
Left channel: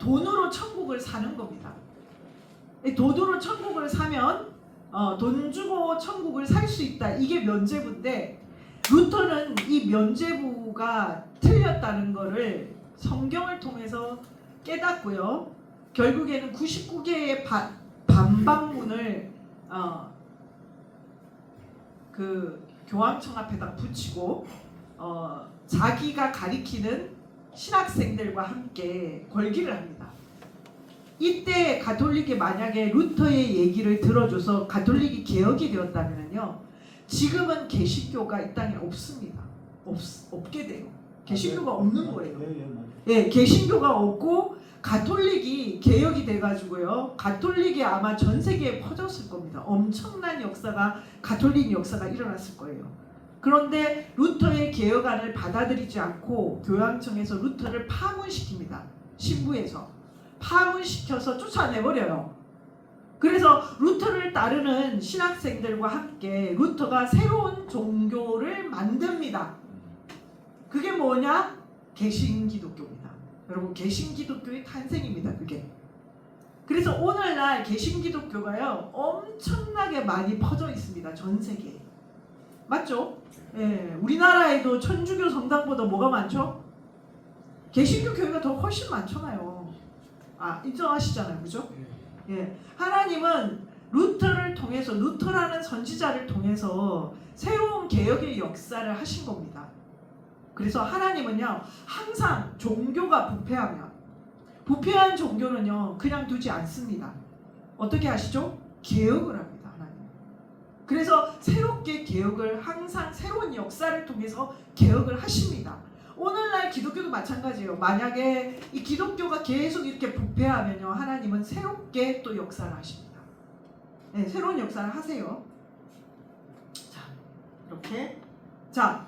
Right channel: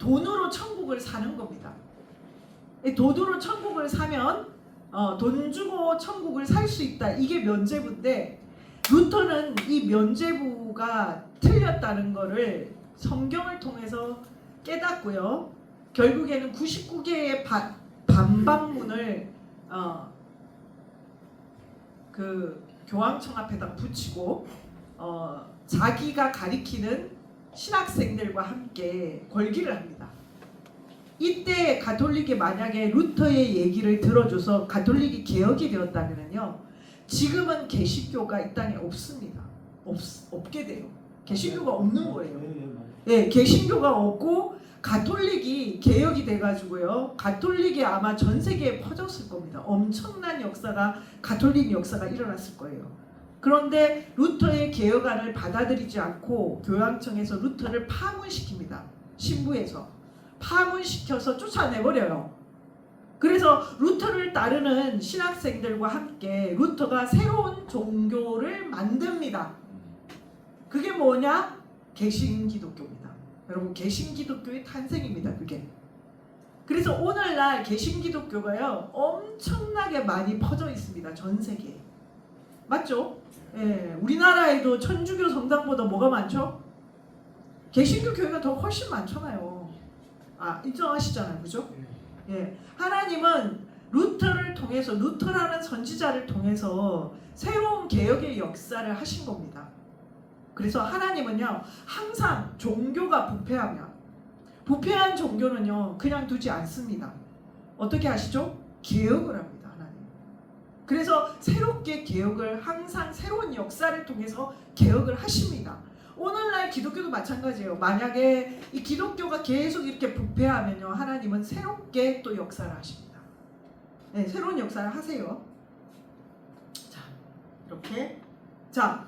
돈으로 천국을 사는 겁니다. 돈으로 천국을 사면 돈 주고 천국을 살 수 있다. 이게 면죄부인데, 루터는 이 면죄부가 틀렸다는 것을 성경을 통해서 깨닫고요. 결국에는 99개의 반박문을 그 교황청 앞에다 붙이고 자기가 가리키는 신학생들과 함께 걸기를 합니다. 이때 가톨릭이 만약에 루터의 얘기를 들어줘서 가톨릭이 개혁이 되었다면요, 지금은 개신교가 이 땅에 없습니다. 없게 돼요. 개신교가 없는 거예요. 예, 개신교가 없고 가톨릭이 개혁이 돼가지고요, 가톨릭이 아마 전 세계에 퍼졌을 겁니다. 엄청난 역사가, 가톨릭 역사가 일어났을 거예요. 그런데 루터의 개혁안을 받아들이지 않고 교황청에서 루터를 파문시킵니다. 신부에서 파문시켜서 쫓아내버려요. 그래서 루터를 따르는 신학생들과 함께 루터가 새로운 종교를 만듭니다. 그게 뭐냐? 개신기독교입니다. 여러분, 개신기독교의 탄생입니다. 그게. 그래서 오늘날 개신기독교가요, 엄청나게 많이 퍼져 있습니다. 전 세계에. 맞죠? 예, 우리나라에도 천주교 성당보다 뭐가 많죠? 개신교 교회가 더 훨씬 많잖아요. 인정하시잖아요. 그죠? 예, 하나님은 루터를 통해서, 루터라는 선지자를 통해서 새로운 개혁의 역사를 하신 겁니다. 그래서 하나님은요, 항상 종교가 부패한 종교는요, 그냥 두지 않습니다. 어떻게 하시죠? 개혁을 합니다. 하나님. 그래서 새롭게 개혁을, 항상 새로운 역사를 통해서 개혁을 하십니다. 오늘날 기독교도 마찬가지예요. 만약에 이 기독교가 계속 이렇게 부패하면요, 하나님은 새롭게 또 역사를 하십니다. 네, 새로운 역사를 하세요. 자, 이렇게. 자,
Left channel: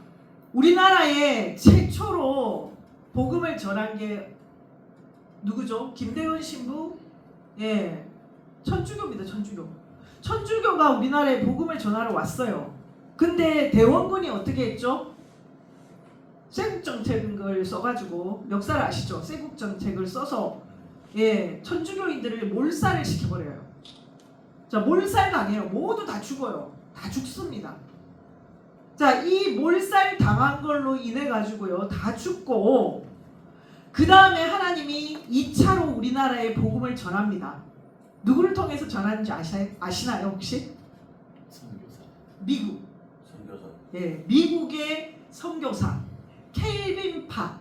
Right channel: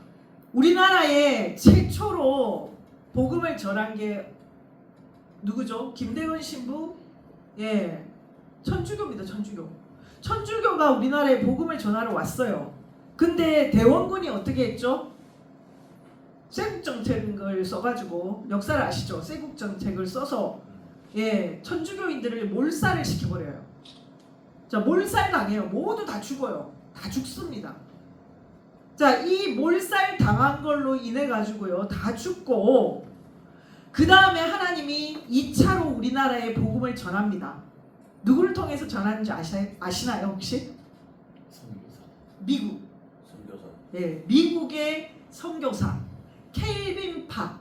우리나라에 최초로 복음을 전한 게 누구죠? 김대건 신부? 예, 천주교입니다. 천주교가 우리나라에 복음을 전하러 왔어요. 근데 대원군이 어떻게 했죠? 쇄국정책을 써가지고, 역사를 아시죠? 쇄국정책을 써서 천주교인들을 몰살을 시켜버려요. 자, 몰살 당해요. 모두 다 죽어요. 다 죽습니다. 자, 이 몰살 당한 걸로 인해 가지고요, 다 죽고, 그 다음에 하나님이 2차로 우리나라에 복음을 전합니다. 누구를 통해서 전하는지 아시나요 혹시? 선교사. 미국. 선교사. 예, 미국의 선교사 켈빈 파.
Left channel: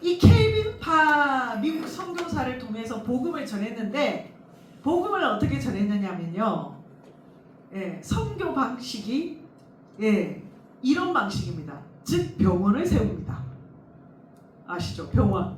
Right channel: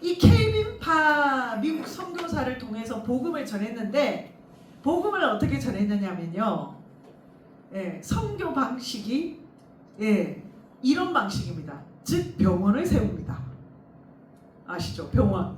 이 켈빈 파 미국 선교사를 통해서 복음을 전했는데 복음을 어떻게 전했느냐면요. 예, 선교 방식이 이런 방식입니다. 즉 병원을 세웁니다. 아시죠? 병원.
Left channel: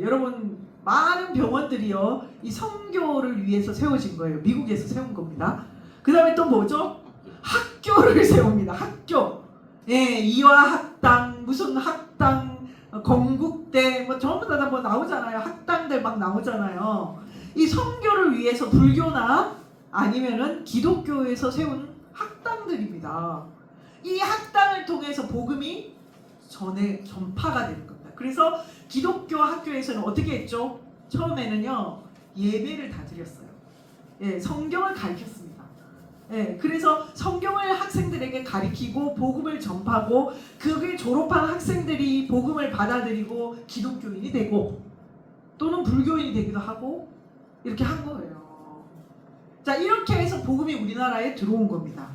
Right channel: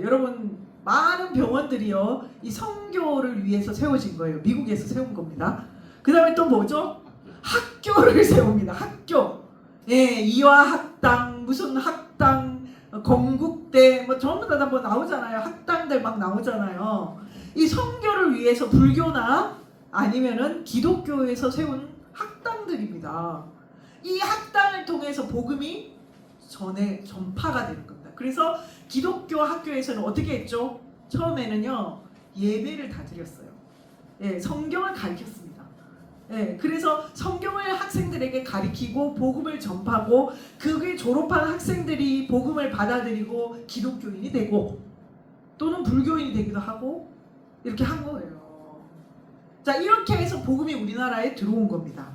여러분 많은 병원들이요 이 선교를 위해서 세워진 거예요. 미국에서 세운 겁니다. 그 다음에 또 뭐죠? 학교를 세웁니다. 학교. 이화학당 무슨 학당 건국대 뭐 전부 다 뭐 나오잖아요. 학당들 막 나오잖아요. 이 선교를 위해서 불교나 아니면은 기독교에서 세운 학당들입니다. 이 학당을 통해서 복음이 전파가 되는 겁니다. 그래서 기독교 학교에서는 어떻게 했죠? 처음에는요 예배를 다 드렸어요. 성경을 가르쳤습니다. 그래서 성경을 학생들에게 가르치고 복음을 전파하고 그게 졸업한 학생들이 복음을 받아들이고 기독교인이 되고 또는 불교인이 되기도 하고 이렇게 한 거예요. 자, 이렇게 해서 복음이 우리나라에 들어온 겁니다.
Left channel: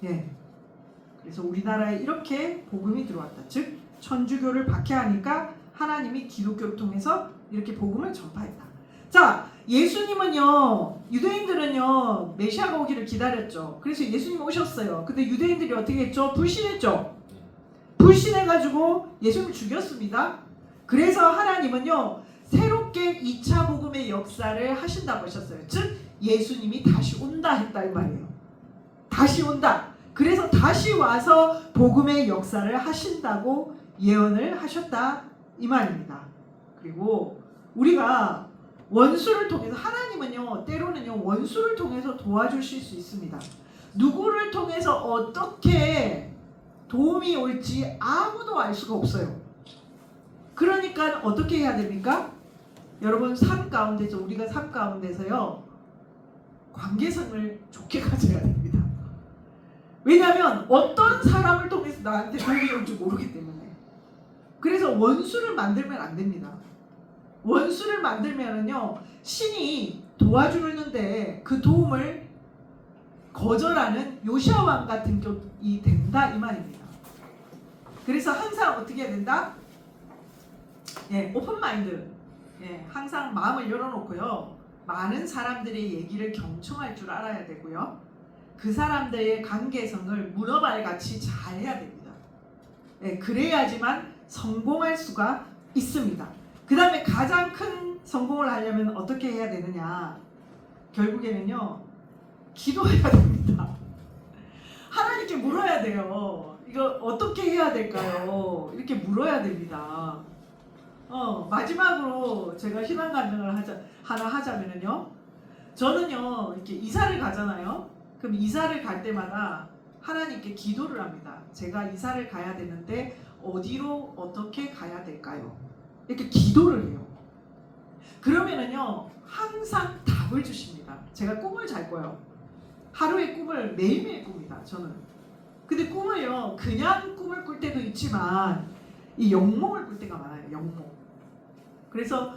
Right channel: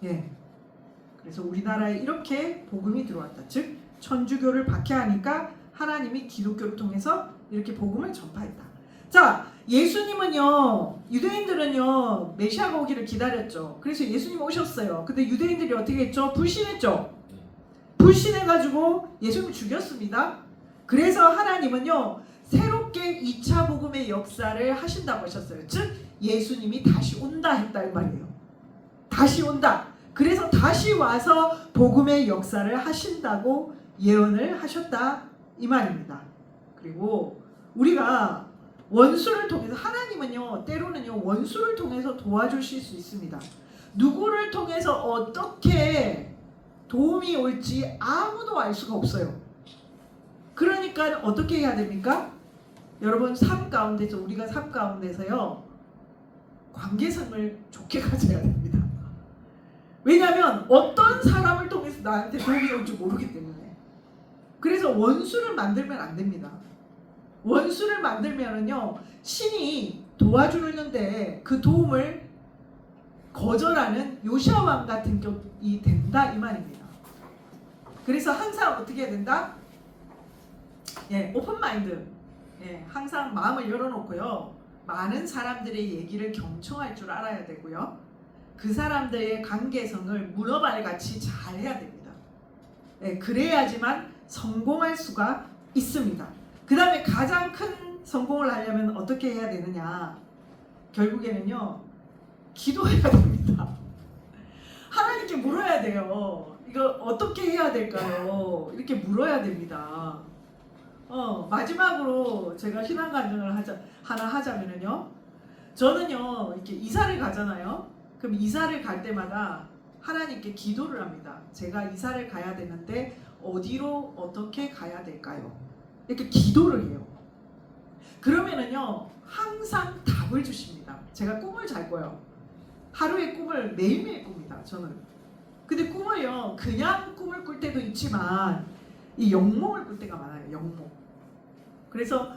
그래서 우리나라에 이렇게 복음이 들어왔다. 즉 천주교를 박해하니까 하나님이 기독교를 통해서 이렇게 복음을 전파했다. 자, 예수님은요, 유대인들은요 메시아가 오기를 기다렸죠. 그래서 예수님 오셨어요. 근데 유대인들이 어떻게 했죠? 불신했죠. 불신해가지고 예수님 죽였습니다. 그래서 하나님은요 새롭게 2차 복음의 역사를 하신다고 하셨어요. 즉 예수님이 다시 온다 했다 이 말이에요. 다시 온다. 그래서 다시 와서 복음의 역사를 하신다고 예언을 하셨다 이 말입니다. 그리고 우리가 원수를 통해서 하나님은요 때로는요 원수를 통해서 도와주실 수 있습니다. 누구를 통해서 어떻게 도움이 올지 아무도 알 수가 없어요. 그러니까 어떻게 해야 됩니까? 여러분 삶 가운데서 우리가 삶 가운데서요 관계성을 좋게 가져야 됩니다. 왜냐하면 어떤 사람을 통해서 나한테 도움이 올지 모르기 때문에. 그래서 원수를 만들면 안 됩니다. 원수를 만들면은요 신이 도와주는데 그 도움을 거절하는 요시야 왕 같은 격이 된다 이 말입니다. 그래서 항상 어떻게 해야 된다? 오픈 마인드. 항상 마음을 열어놓고요 많은 사람들의 얘기를 경청할 줄 알아야 되고요 그 사람들의 관계성을 문어발같이 잘 해야 됩니다. 그래야지만 성공할 수가 있습니다. 그 다음에 가장 큰 성공을 하려면 어떻게 해야 되느냐? 결국에는요 기도해야 됩니다. 하나님께 물어야 돼요. 이거 어떻게 해야 될까요? 이렇게 물어야 됩니다. 마지막으로 제가 신앙 간증을 하나 하자면요. 저는요 이렇게 이사를 가잖아요. 그럼 이사를 갈 때마다 하나님께 기도를 합니다. 제가 이사를 가야 되는데 어디로 어떻게 가야 될까요? 이렇게 기도를 해요. 그러면은요 항상 답을 주십니다. 제가 꿈을 잘 꿔요. 하루에 꿈을 매일매일 꿉니다. 저는. 근데 꿈을요 그냥 꿈을 꿀 때도 있지만 이 영몽을 꿀 때가 많아요. 영몽. 그래서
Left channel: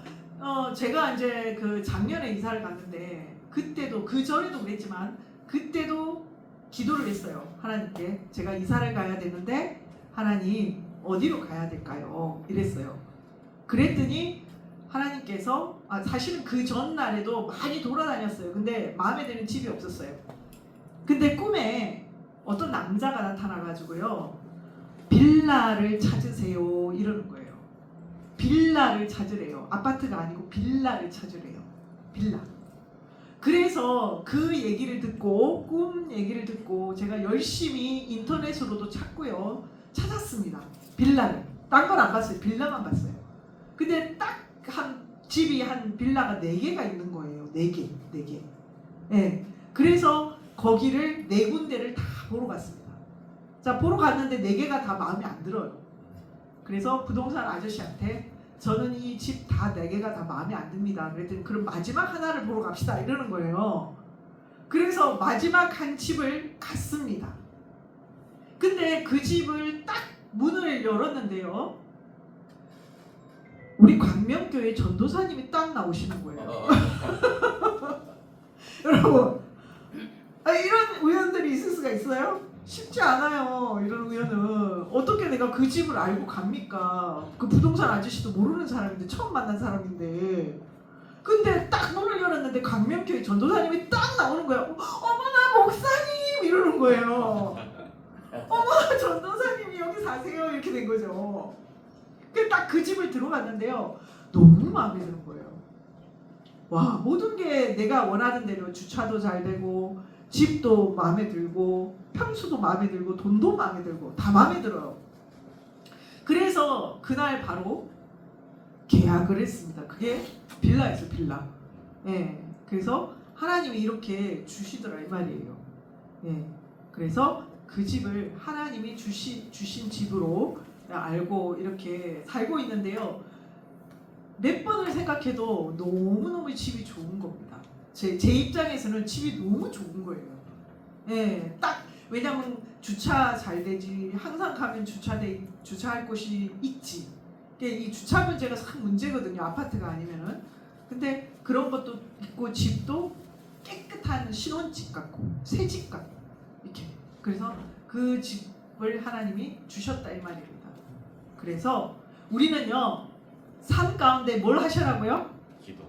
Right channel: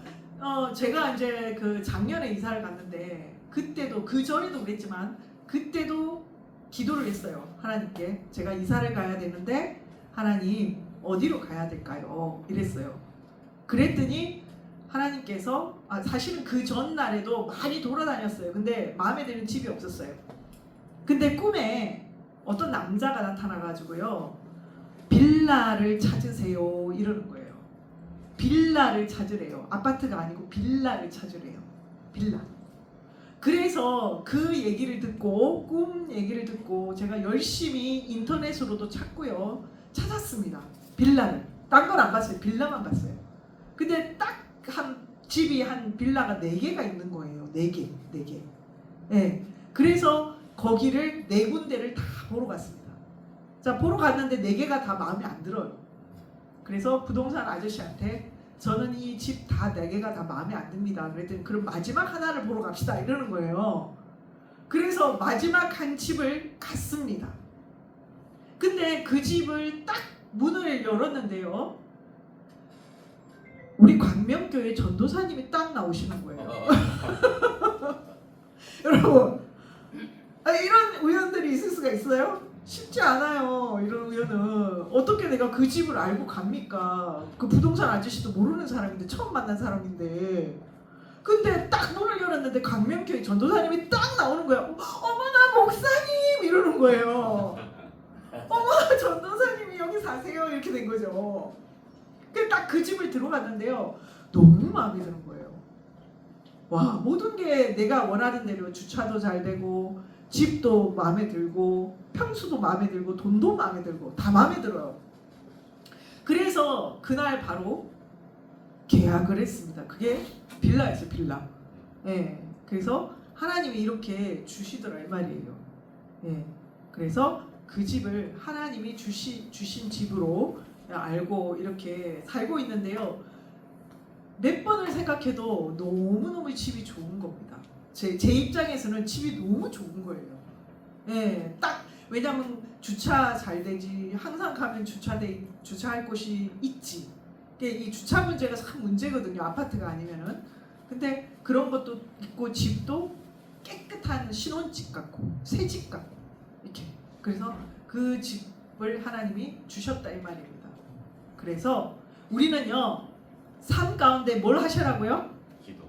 제가 이제 그 작년에 이사를 갔는데 그때도 그 전에도 그랬지만 그때도 기도를 했어요. 하나님께 제가 이사를 가야 되는데 하나님 어디로 가야 될까요? 이랬어요. 그랬더니 하나님께서 사실은 그 전날에도 많이 돌아다녔어요. 근데 마음에 드는 집이 없었어요. 근데 꿈에 어떤 남자가 나타나가지고요 빌라를 찾으세요 이러는 거예요. 빌라를 찾으래요. 아파트가 아니고 빌라를 찾으래요. 빌라. 그래서 그 얘기를 듣고 꿈 얘기를 듣고 제가 열심히 인터넷으로도 찾고요 찾았습니다. 빌라를. 딴 건 안 봤어요. 빌라만 봤어요. 근데 딱 한 집이 한 빌라가 4개가 있는 거예요. 4개. 그래서 거기를 4군데를 다 보러 갔습니다. 자, 보러 갔는데 4개가 다 마음에 안 들어요. 그래서 부동산 아저씨한테 저는 이 집 다 4개가 다 마음에 안 듭니다. 그랬더니 그럼 마지막 하나를 보러 갑시다 이러는 거예요. 그래서 마지막 한 집을 갔습니다. 근데 그 집을 딱 문을 열었는데요 강명교회 전도사님이 딱 나오시는 거예요. 여러분, 이런 우연들이 있을 수가 있어요? 쉽지 않아요. 이런 우연은 어떻게 내가 그 집을 알고 갑니까? 그 부동산 아저씨도 모르는 사람인데 처음 만난 사람인데 근데 딱 문을 열었는데 강명교회 전도사님이 딱 나오는 거야. 어머나 목사님 이러는 거예요. 어머나 전도사님이 여기 사세요 이렇게 된 거죠. 딱 그 집을 들어갔는데요. 너무 마음에 드는 거예요. 와, 모든 게 내가 원하는 대로 주차도 잘 되고 집도 마음에 들고 평수도 마음에 들고 돈도 마음에 들고 다 마음에 들어요. 그래서 그날 바로 계약을 했습니다. 그게 빌라였어요. 빌라. 예. 그래서 하나님이 이렇게 주시더라 이 말이에요. 예. 그래서 그 집을 하나님이 주신 집으로 알고 이렇게 살고 있는데요. 몇 번을 생각해도 너무너무 집이 좋은 겁니다. 제 입장에서는 집이 너무 좋은 거예요. 예, 딱 왜냐면 주차 잘 되지. 항상 가면 주차할 곳이 있지. 이 주차 문제가 참 문제거든요. 아파트가 아니면은. 근데 그런 것도 있고 집도 깨끗한 신혼집 같고 새 집 같고 이렇게. 그래서 그 집을 하나님이 주셨다 이 말입니다. 그래서 우리는요. 삶 가운데 뭘 하시라고요? 기도.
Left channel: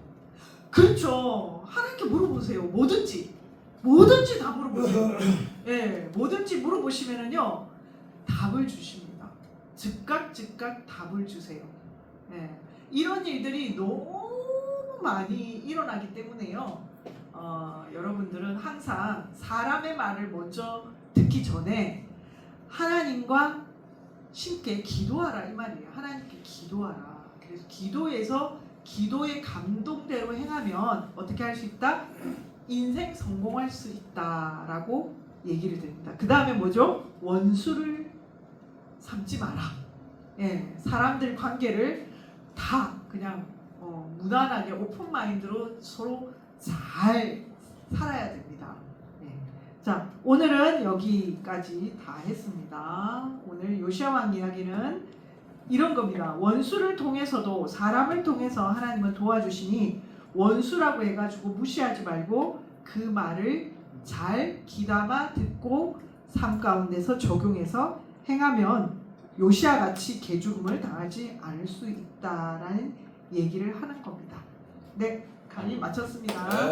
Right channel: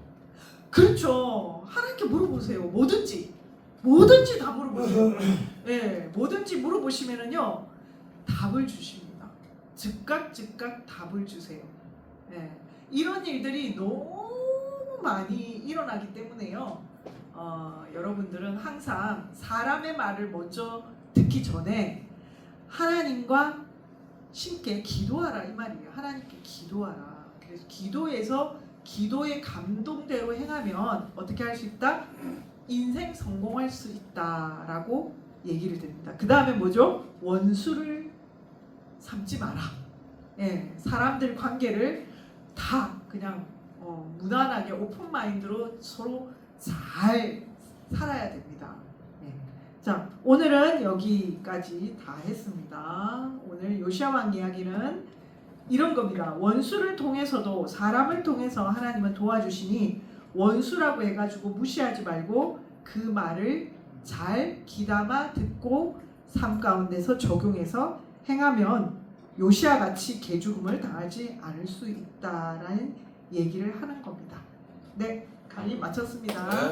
그렇죠. 하나님께 물어보세요. 뭐든지 다 물어보세요. 예, 뭐든지 물어보시면은요 답을 주십니다. 즉각 답을 주세요. 예, 이런 일들이 너무 많이 일어나기 때문에요. 여러분들은 항상 사람의 말을 먼저 듣기 전에 하나님과 함께 기도하라 이 말이에요. 하나님께 기도하라. 그래서 기도에서 기도의 감동대로 행하면 어떻게 할 수 있다? 인생 성공할 수 있다라고 얘기를 드립니다. 그 다음에 뭐죠? 원수를 삼지 마라. 예, 사람들 관계를 다 그냥 무난하게 오픈 마인드로 서로 잘 살아야 됩니다. 예. 자, 오늘은 여기까지 다 했습니다. 오늘 요시야 왕 이야기는 이런 겁니다. 원수를 통해서도 사람을 통해서 하나님은 도와주시니 원수라고 해가지고 무시하지 말고 그 말을 잘 귀담아 듣고 삶 가운데서 적용해서 행하면 요시야 같이 개죽음을 당하지 않을 수 있다라는 얘기를 하는 겁니다. 네, 강의 마쳤습니다. 네.